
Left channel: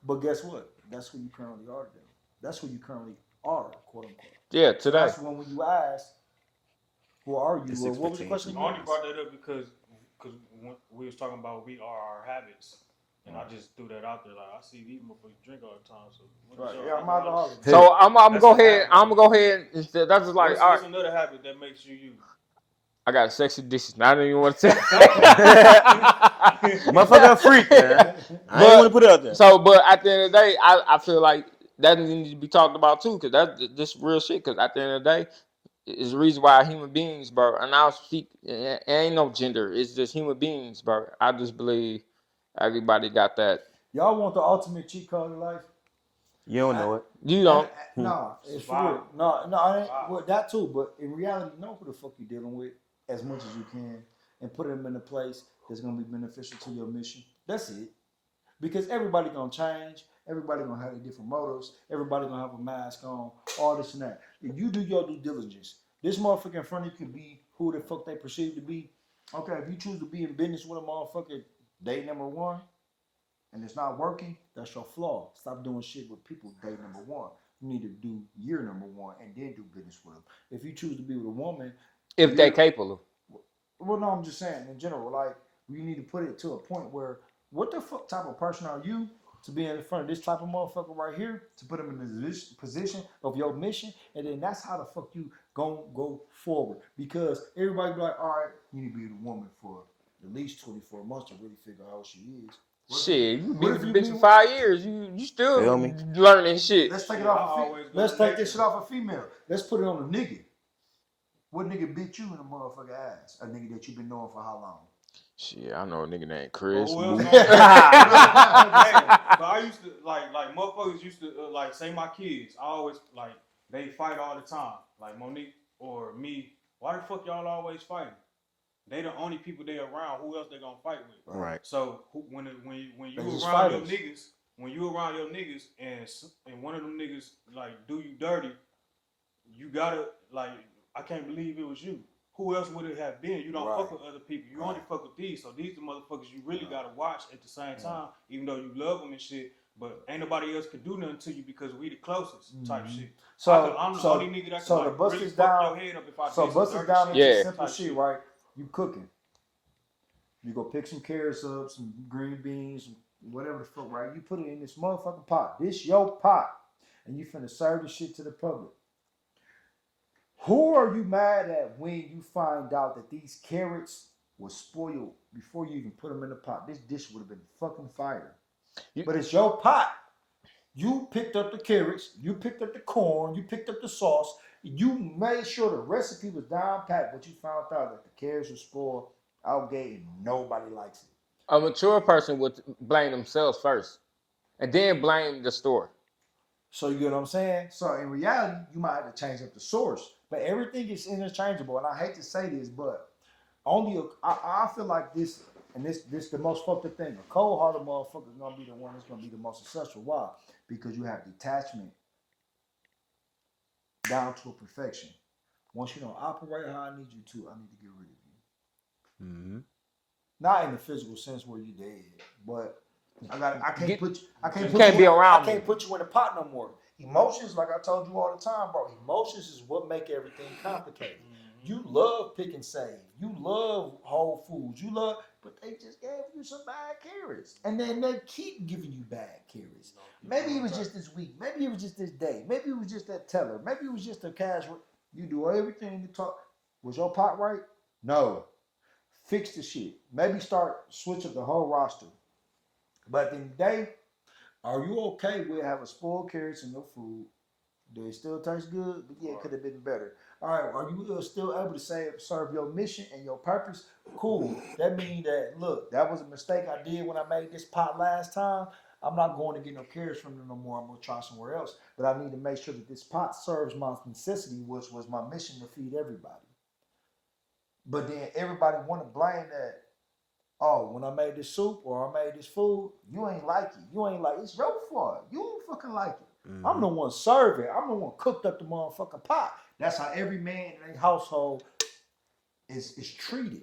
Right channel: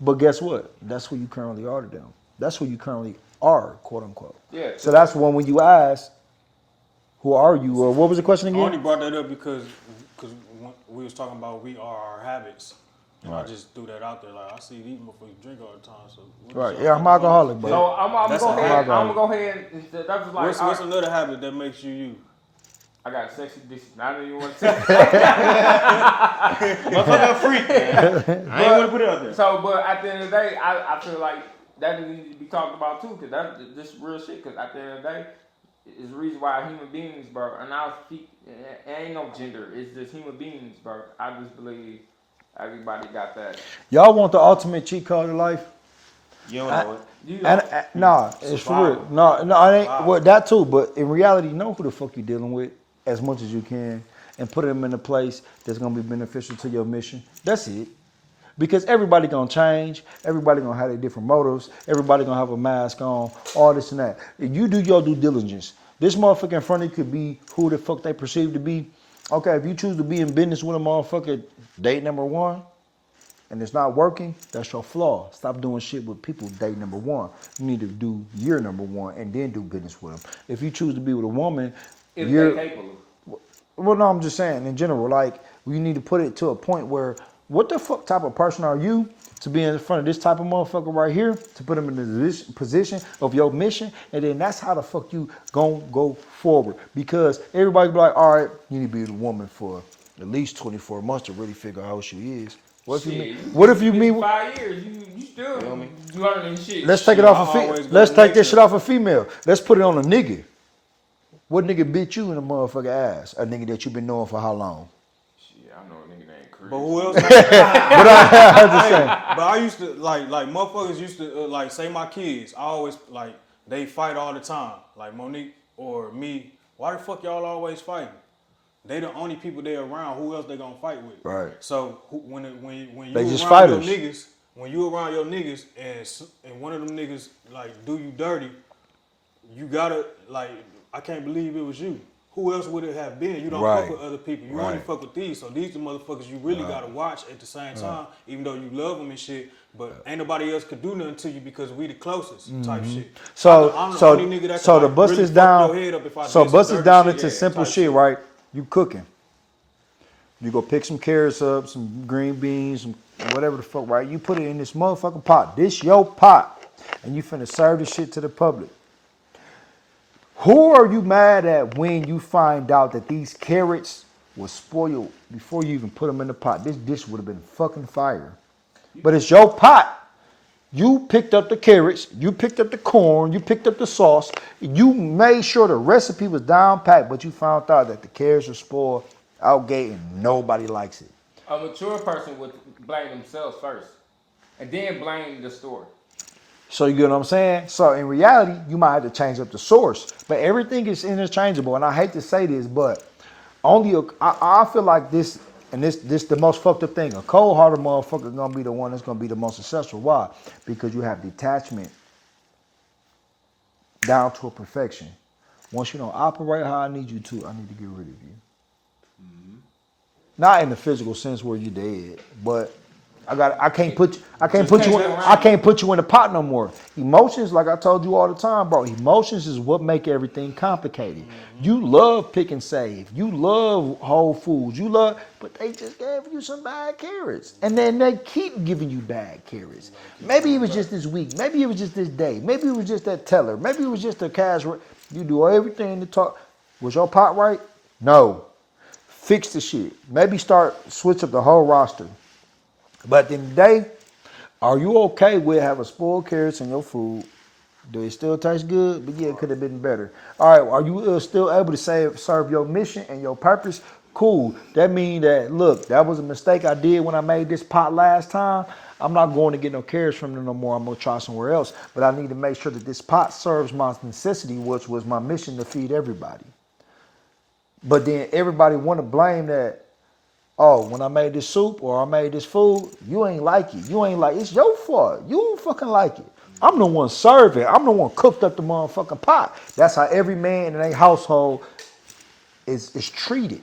But guess what? That's who you currently are to them. That's who you currently are, quote unquote. Yeah. So that's one when you ask, who are you? Or what was the question I only again? brought that up because we was talking about we are our habits. And I just threw that out there. Like, I see these motherfuckers drink all the time. So Right. Yeah, I'm alcoholic, bro. So I'm That's go a ahead. hard I'm gonna go ahead. That's just like what's another habit that makes you you? I got sexy dishes. I don't even want to tell. Motherfucker, freak. I ain't want to put it out there. So, but at the end of the day, I feel like that needs to be talked about too, because that's this real shit. Because at the end of the day, it's the reason why human beings, bro. And I'll speak. It ain't no gender. It's just human beings, bro. I just believe everybody got that. Y'all want the ultimate cheat code of life? You don't know it. You know, Nah, it's for real. No, I ain't. Well, that too. But in reality, know who the fuck you dealing with as much as you can, and put them in a place that's gonna be beneficial to your mission. That's it. Because everybody gonna change. Everybody gonna have their different motives. Everybody gonna have a mask on. All this and that. If you do your due diligence, this motherfucker in front of you could be who the fuck they perceive to be. Okay, if you choose to be in business with a motherfucker, date number one, and it's not working, that's your flaw. Stop doing shit with people date number one. You need to do year number one and then do business with them. If you choose to be with a woman, if they capable. well, no, I'm just saying in general, like, you need to put it to a point where, what the fuck type of person are you to be in front of this type of motherfucker right here, to put him in this position of your mission, and then that's how the fuck you gon' go forward. Because everybody be like, all right, you need to be with a woman for at least 24 months to really figure out how she is. What if you meet 5 years? You still Feel me? learning shit. Let's take it off I a always female. go Let's to take this nature. shit off a female. Let's put it on a nigga. What nigga bit you in the motherfucker ass? A nigga that you been knowing for how long? Shit, I know a nigga named Chris. But who else? I'm just saying. But I used to like motherfuckers used to like say my kids. I always like they fight all the time. Like Monique or me. Why the fuck y'all always fighting? They the only people they around. Who else they gonna fight with? Right. So when you They just around fighters. your niggas, when you around your niggas and one of them niggas like do you dirty, you gotta like I can't believe it was you. Who else would it have been? You don't Right. fuck with other people. You Right. only fuck with these. So these the motherfuckers you really gotta watch at the same time, even though you love them and shit. But ain't nobody else could do nothing to you because we the closest type shit. So, I'm the so, only nigga that so can, to like, bust really this fuck down, your head up if I so did some bust this dirty down shit. into Yeah, simple type shit, shit. right? You cooking. You go pick some carrots up, some green beans, some whatever the fuck, right? You put it in this motherfucking pot. This your pot. And you finna serve this shit to the public. Who are you mad at when you find out that these carrots were spoiled before you even put them in the pot? This dish would have been fucking fire. But it's your pot. You picked up the carrots, you picked up the corn, you picked up the sauce. You made sure the recipe was down packed, but you found out that the carrots were spoiled out gate and nobody likes it. A mature person would blame themselves first, and then blame the store. So you get what I'm saying? So in reality, you might have to change up the source. But everything is interchangeable. And I hate to say this, but I feel like this, and this the most fucked up thing. A cold-hearted motherfucker is gonna be the one that's gonna be the most successful. Why? Because you have detachment down to a perfection. Once you don't operate how I need you to, I need to get rid of you. Mm-hmm. Not in the physical sense where you're dead, but I can't put you in the pot no more. Emotions, like I told you all the time, bro. Emotions is what make everything complicated. Mm-hmm. You love Pick and Save. You love Whole Foods. But they just gave you some bad carrots, and then they keep giving you bad carrots. Maybe it was just this week. Maybe it was just this day. Maybe it was just that teller. Maybe it was just the cash. You do everything to talk. Was your pot right? No. Fix the shit. Maybe switch up the whole roster. But at the end of the day, are you okay with having spoiled carrots in your food? Do it still taste good? But yeah, it could have been better. All right, are you still able to serve your mission and your purpose? Cool. That means that, look, that was a mistake I did when I made this pot last time. I'm not going to get no carrots from them no more. I'm going to try somewhere else. But I need to make sure that this pot serves my necessity, which was my mission to feed everybody. But then everybody want to blame that, oh, when I made this soup or I made this food, you ain't like it. It's your fault. You don't fucking like it. Mm-hmm. I'm the one serving. I'm the one cooked up the motherfucking pot. That's how every man in a household is treated.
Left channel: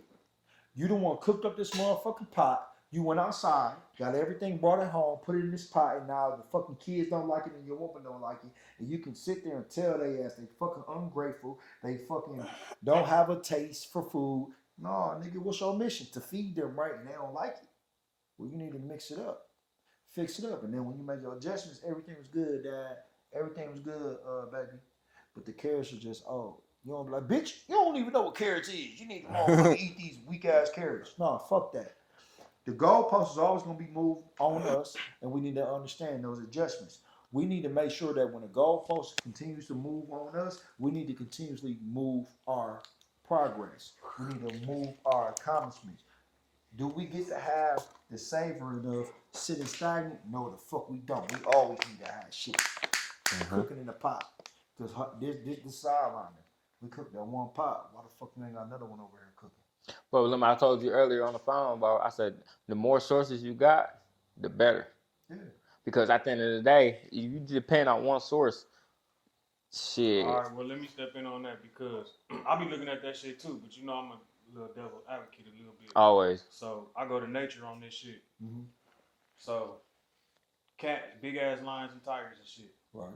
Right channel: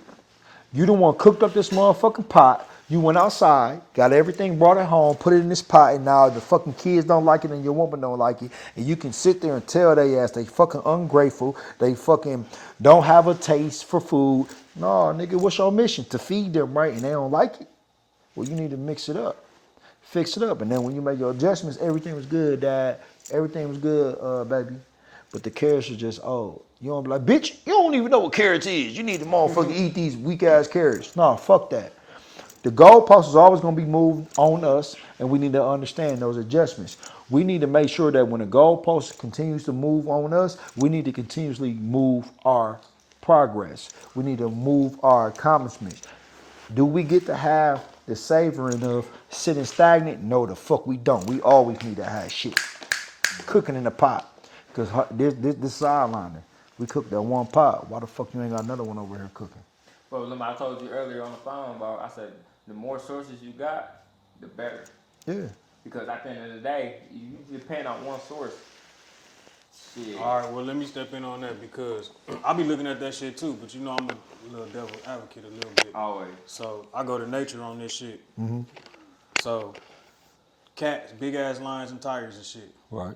You the one cooked up this motherfucking pot. You went outside, got everything, brought it home, put it in this pot, and now the fucking kids don't like it and your woman don't like it. And you can sit there and tell they ass they fucking ungrateful. They fucking don't have a taste for food. No, nigga, what's your mission? To feed them, right? And they don't like it? Well, you need to mix it up. Fix it up. And then when you make your adjustments, everything was good, Dad. Everything was good, baby. But the carrots are just, you don't be like, bitch, you don't even know what carrots is. You need to motherfucking eat these weak-ass carrots. No, fuck that. The goalpost is always going to be moved on us, and we need to understand those adjustments. We need to make sure that when the goalpost continues to move on us, we need to continuously move our progress. We need to move our accomplishments. Do we get to have the savoring of sitting stagnant? No, the fuck we don't. We always need to have shit cooking in the pot. Because this sidelining, we cook that one pot. Why the fuck you ain't got another one over here cooking? Well, remember I told you earlier on the phone, bro, I said the more sources you got, the better. Yeah. Because at the end of the day, if you depend on one source, shit. All right, well, let me step in on that because I be looking at that shit too, but you know I'm a little devil advocate a little bit. Always. So I go to nature on this shit. Mm-hmm. So cats, big ass lions and tigers and shit. Right.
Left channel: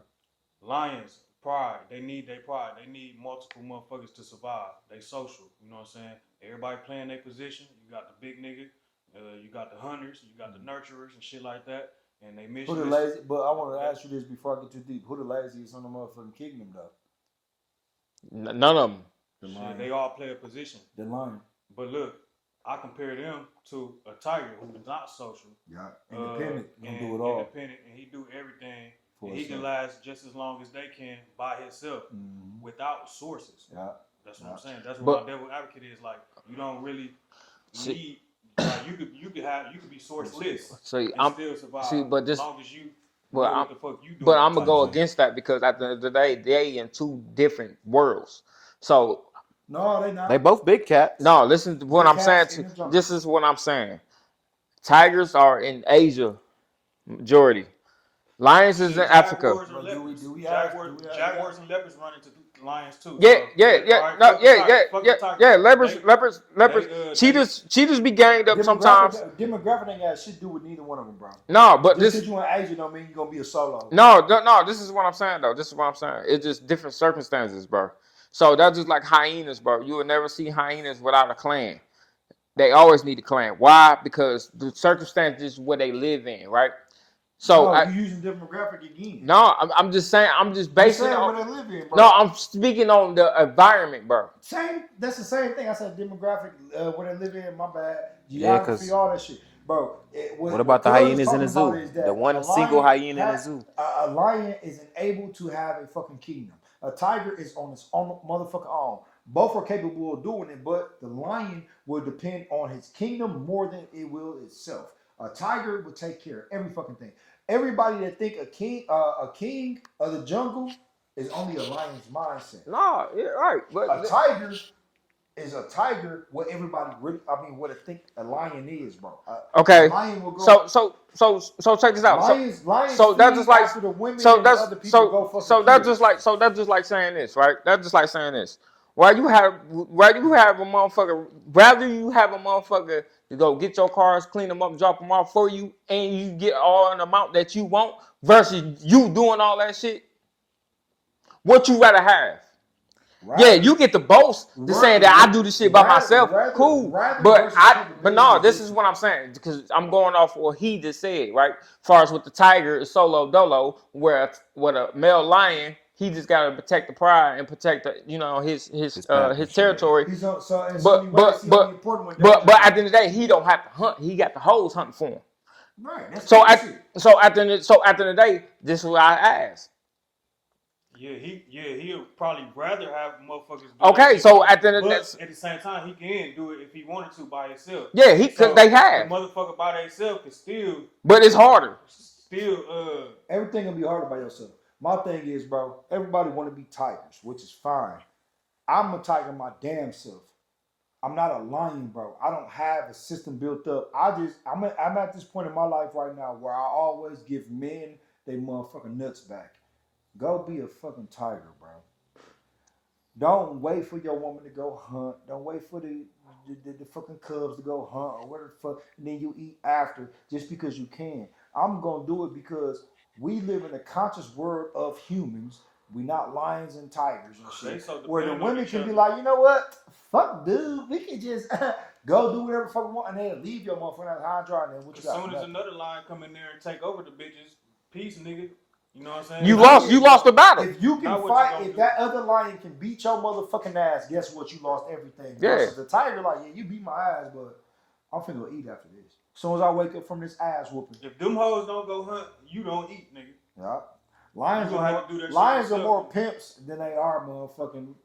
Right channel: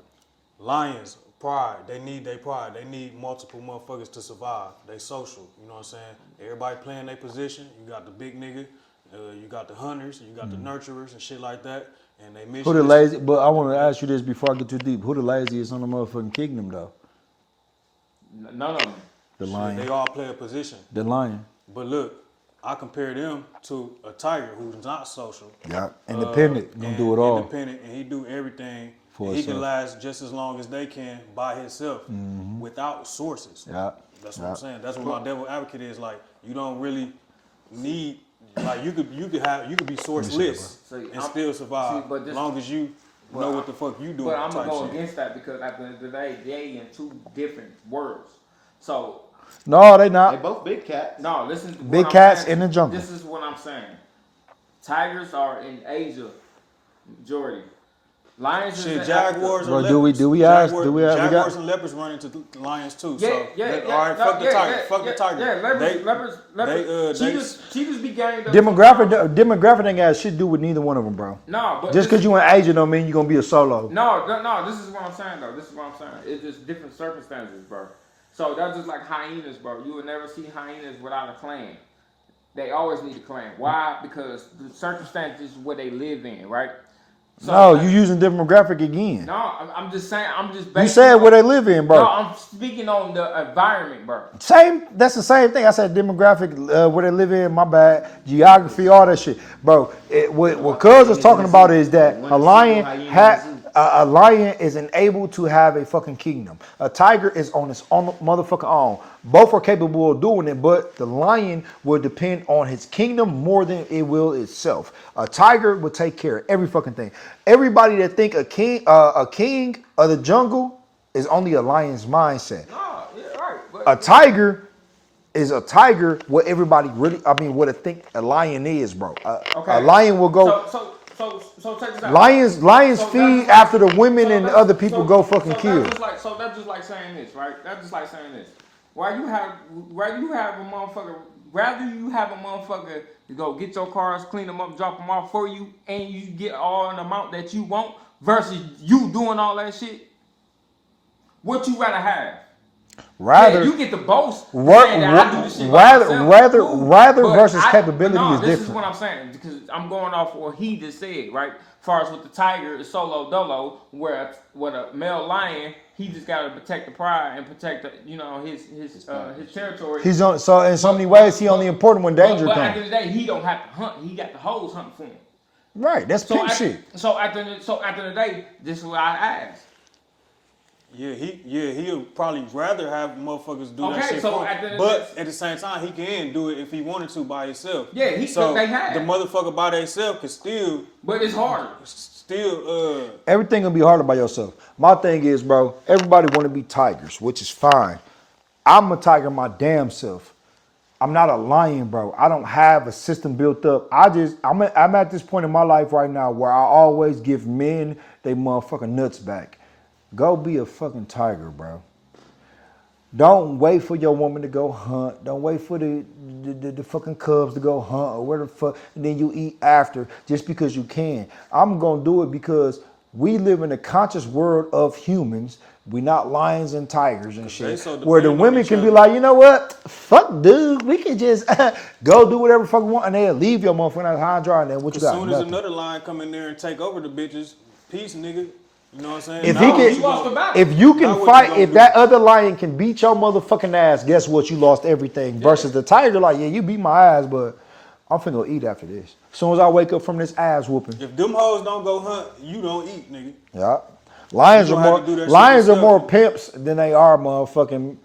Lions, pride. They need their pride. They need multiple motherfuckers to survive. They social. You know what I'm saying? Everybody playing their position. You got the big nigga. You got the hunters. You got the nurturers and shit like that. And they mission. Who the lazy? But I want to ask you this before I get too deep. Who the laziest on the motherfucking kingdom though? None of them. The lion. They all play a position. The lion. But look, I compare them to a tiger who's not social. Yeah. Independent. Gonna do it all. Independent, and he do everything. For he can last just as long as they can by himself without sources. Yeah. That's what I'm saying. That's what my devil advocate is like. You don't really need. Like you could be sourceless and still survive as long as you know what the fuck you doing. But I'm gonna go against that because at the end of the day, they in two different worlds. So no, they not. They both big cats. No, listen to big what I'm cats saying. in the jungle. This is what I'm saying. Tigers are in Asia, majority. Lions is in Africa. Bro, do we have? Jaguars and leopards run into lions too. Yeah. Fuck the tiger. Yeah, leopards. Cheetahs be ganged up Demographic ain't got shit to do with neither one of them, bro. No, but just because you in Asia don't mean you're gonna be a solo. No. This is what I'm saying though. It's just different circumstances, bro. So that's just like hyenas, bro. You will never see hyenas without a clan. They always need a clan. Why? Because the circumstances where they live in, right? So no, you using demographic again. No, I'm just saying. I'm just. You said where they live in, bro. No, I'm speaking on the environment, bro. Same. That's the same thing. I said demographic, where they live in. My bad. Geography, all that shit, bro. What Cuz is talking about is that a lion isn't able to have a fucking kingdom. A tiger is on its own motherfucking own. Both are capable of doing it, but the lion will depend on his kingdom more than it will itself. A tiger will take care of every fucking thing. Everybody that think a king of the jungle is only a lion's mindset. No, yeah, right. But, A tiger is a tiger. What everybody really, what I think a lion is, bro. okay. A lion will go. So check this out. Lions so feed that's just after the women and the that's- other people go fucking so kill. that's just like saying this, right? That's just like saying this. Why you have a motherfucker? Rather you have a motherfucker to go get your cars, clean them up, drop them off for you, and you get all an amount that you want, versus you doing all that shit. What you rather have? Rather, Yeah, you get the boast saying that I do this shit by myself. Rather But versus capability. No, is this different. is what I'm saying because I'm going off what he just said, right? As far as with the tiger, it's solo dolo, where with a male lion, he just got to protect the pride and protect the, his territory. He's on. So in so many ways, he only important when danger But at the comes. end of the day, he don't have to hunt. He got the hoes hunting for him. Right. That's So big shit. so at the end of the day, this is what I ask. He'll probably rather have motherfuckers do Okay, that shit. so at the end of but the- at the same time, he can do it if he wanted to by himself. Yeah, they have. The motherfucker by themselves can still, But it's harder. Everything gonna be harder by yourself. My thing is, bro, everybody want to be tigers, which is fine. I'm a tiger my damn self. I'm not a lion, bro. I don't have a system built up. I'm at this point in my life right now where I always give men they motherfucking nuts back. Go be a fucking tiger, bro. Don't wait for your woman to go hunt. Don't wait for the fucking cubs to go hunt or where the fuck, and then you eat after just because you can. I'm gonna do it because we live in a conscious world of humans. We're not lions and tigers and shit. So where the women can be like, you know what? Fuck, dude. We can just go do whatever the fuck we want, and they'll leave your motherfucker high and dry. And then what you got? As soon as Nothing. another lion come in there and take over the bitches, peace, nigga. You know what I'm saying? You lost the battle. If you can Now what fight, you gonna if do? that other lion can beat your motherfucking ass, guess what? You lost everything. Versus the tiger, like, yeah, you beat my ass, but I'm finna go eat after this. As soon as I wake up from this ass whooping. If them hoes don't go hunt, you don't eat, nigga. Yeah. Lions You are gonna more have to do that shit lions are yourself. more pimps than they are motherfucking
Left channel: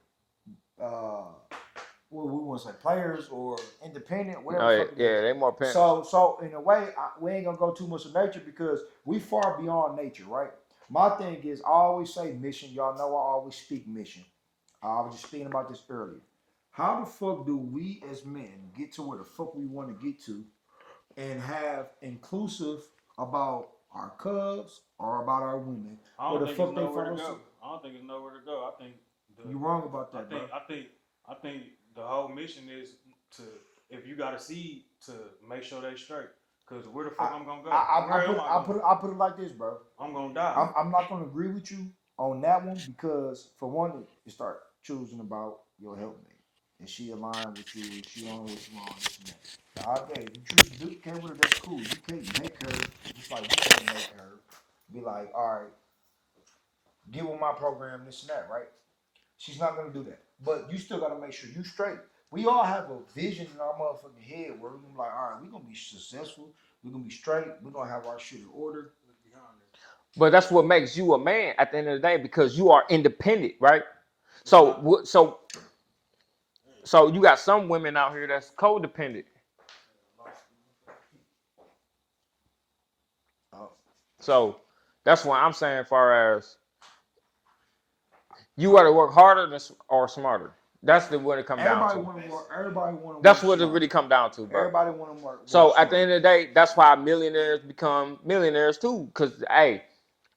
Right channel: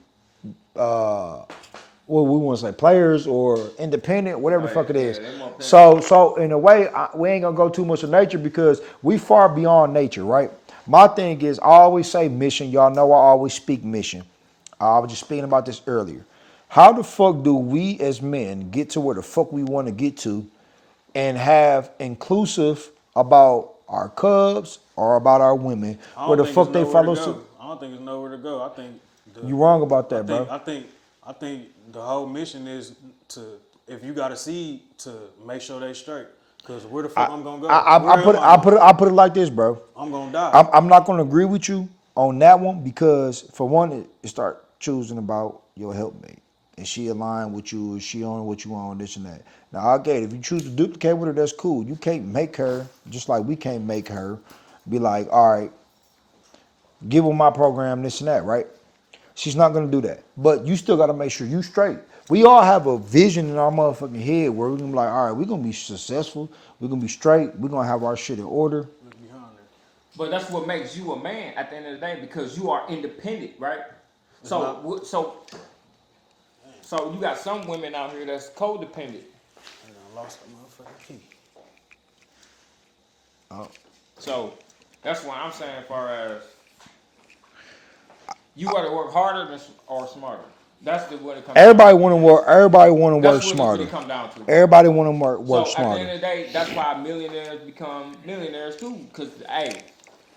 what we want to say, players or independent, whatever the fuck it is. Yeah, they more pimps. So in a way, we ain't gonna go too much of nature because we far beyond nature, right? My thing is, I always say mission. Y'all know I always speak mission. I was just speaking about this earlier. How the fuck do we as men get to where the fuck we want to get to and have inclusive about our cubs or about our women? I don't Where the think fuck there's they nowhere follow to suit? go. I don't think there's nowhere to go. I think You wrong about that, bro. I think the whole mission is to, if you got a seed, to make sure they straight. Cause where the fuck I'm gonna go? I put it like this, bro. I'm gonna die. I'm not gonna agree with you on that one because for one, it start choosing about your helpmate. Is she aligned with you? Is she on what you on? This and that. Now, okay, if you choose to duplicate with her, that's cool. You can't make her, just like we can't make her, be like, all right, give her my program, this and that, right? She's not gonna do that. But you still gotta make sure you straight. We all have a vision in our motherfucking head where we're gonna be like, all right, we're gonna be successful, we're gonna be straight, we're gonna have our shit in order. But that's what makes you a man at the end of the day because you are independent, right? So you got some women out here that's codependent. I lost the motherfucking key. So that's what I'm saying as far as you got to work harder or smarter. That's what it comes Everybody down want to work. Everybody want to to. work That's what smarter. it really comes down to. Bro. Everybody want to work So smarter. at the end of the day, that's why millionaires become millionaires too. Cause hey,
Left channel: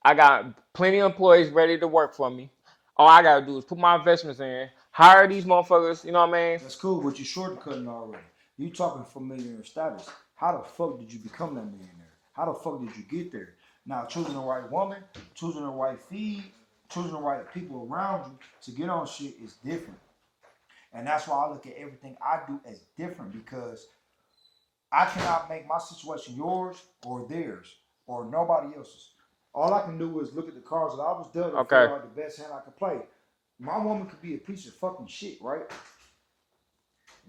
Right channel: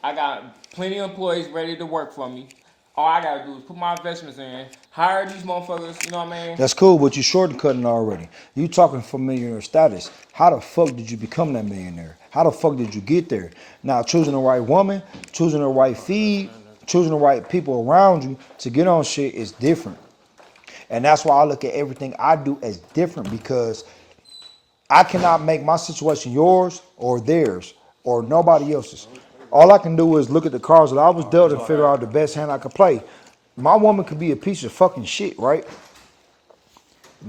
I got plenty of employees ready to work for me. All I gotta do is put my investments in, hire these motherfuckers. You know what I mean? That's cool, but you shortcutting already. You talking for millionaire status. How the fuck did you become that millionaire? How the fuck did you get there? Now, choosing the right woman, choosing the right feed, choosing the right people around you to get on shit is different. And that's why I look at everything I do as different because I cannot make my situation yours or theirs. or nobody else's. All I can do is look at the cards that I was dealt and figure out the best hand I could play. My woman could be a piece of fucking shit, right?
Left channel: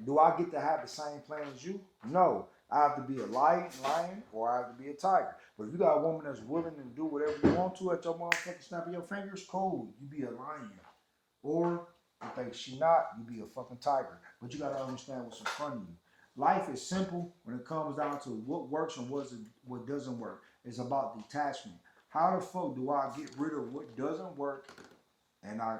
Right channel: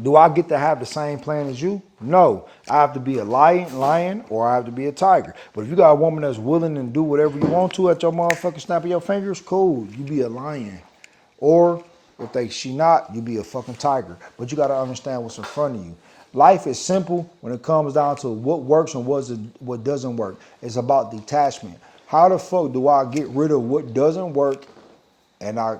Do I get to have the same plan as you? No. I have to be a lion, or I have to be a tiger. But if you got a woman that's willing to do whatever you want to at your motherfucking snap of your fingers, cool. You be a lion. Or if she not, you be a fucking tiger. But you got to understand what's in front of you. Life is simple when it comes down to what works and what doesn't work. It's about detachment. How the fuck do I get rid of what doesn't work and I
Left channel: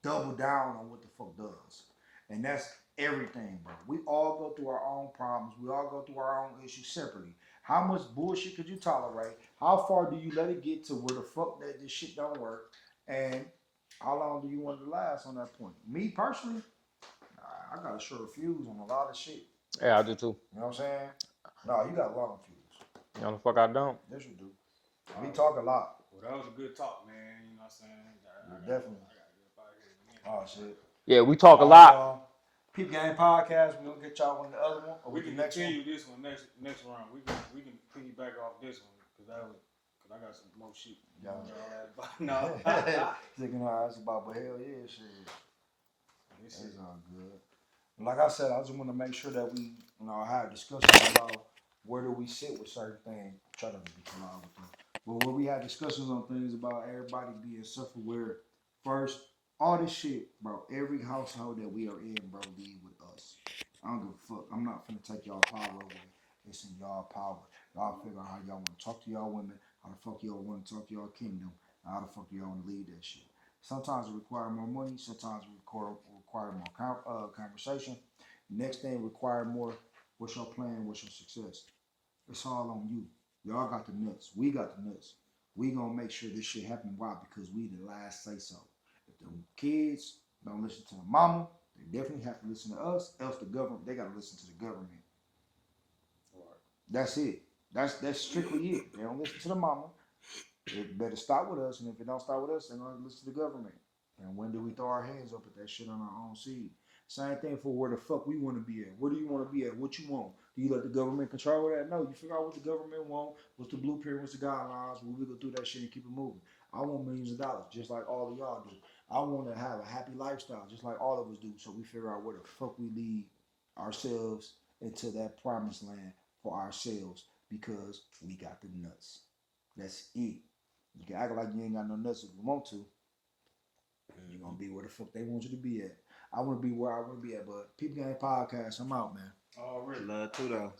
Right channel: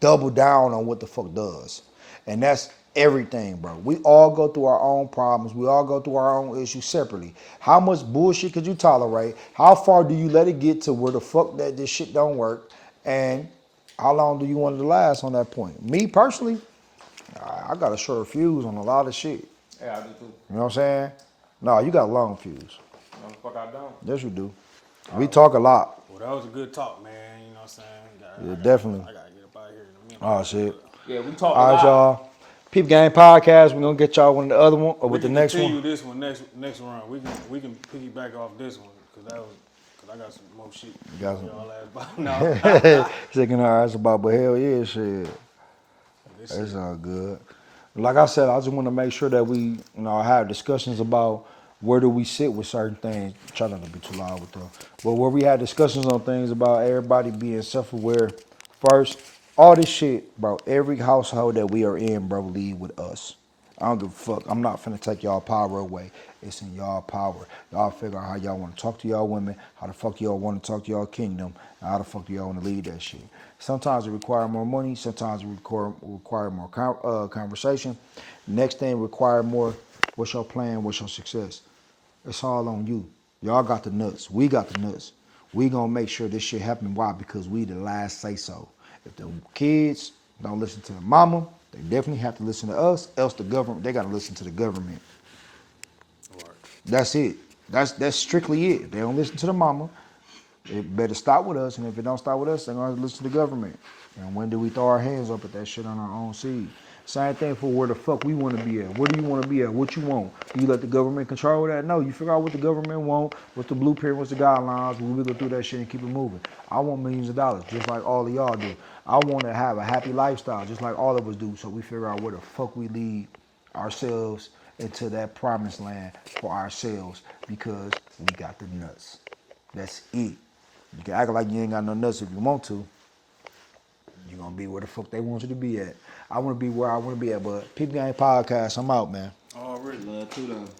double down on what the fuck does? And that's everything, bro. We all go through our own problems. We all go through our own issues separately. How much bullshit could you tolerate? How far do you let it get to where the fuck that this shit don't work? And how long do you want it to last on that point? Me personally, I got a short fuse on a lot of shit. Yeah, I do too. You know what I'm saying? No, you got a long fuse. You know the fuck I don't. Yes, you do. We talk a lot. Well, that was a good talk, man. You know what I'm saying? Definitely. I gotta get up out of here in a minute. Oh, shit. Yeah, we talk a All right, lot. y'all. Peep Game Podcast. We're going to get y'all with the other one or with the next one. We can continue this one next round. We can piggyback off this one because I got some more shit. You got some- Y'all ask about. No. Shaking our ass about, but hell yeah, shit. It's all good. Like I said, I just want to make sure that we, have discussions about where do we sit with certain things. Try not to be too loud with them. But where we had discussions on things about everybody being self-aware first. All this shit, bro, every household that we are in, bro, lead with us. I don't give a fuck. I'm not finna take y'all power away. It's in y'all power. Y'all figure out how y'all want to talk to y'all women, how the fuck y'all want to talk to y'all kingdom, and how the fuck y'all want to lead that shit. Sometimes it require more money. Sometimes it require more conversation. Next thing require more, what's your plan, what's your success? It's all on you. Y'all got the nuts. We got the nuts. We gonna make sure this shit happen. Why? Because we the last say so. If the kids don't listen to the mama, they definitely have to listen to us. Else the government, they gotta listen to the government. Right. That's it. That's strictly it. If they don't listen to the mama, it better stop with us. And if it don't stop with us, they're gonna have to listen to the government. And when do we throw our hands up at that shit on our own seed? Same thing for where the fuck we want to be at. Where do you want to be at? What you want? Do you let the government control that? No, you figure out what the government want, what the blueprint, what's the guidelines. We go through that shit and keep it moving. I want millions of dollars, just like all of y'all do. I want to have a happy lifestyle, just like all of us do. So we figure out where the fuck we lead ourselves into that promised land for ourselves because we got the nuts. That's it. You can act like you ain't got no nuts if you want to. You're going to be where the fuck they want you to be at. I want to be where I want to be at, but Peep Game Podcast, I'm out, man. Already. Love too though.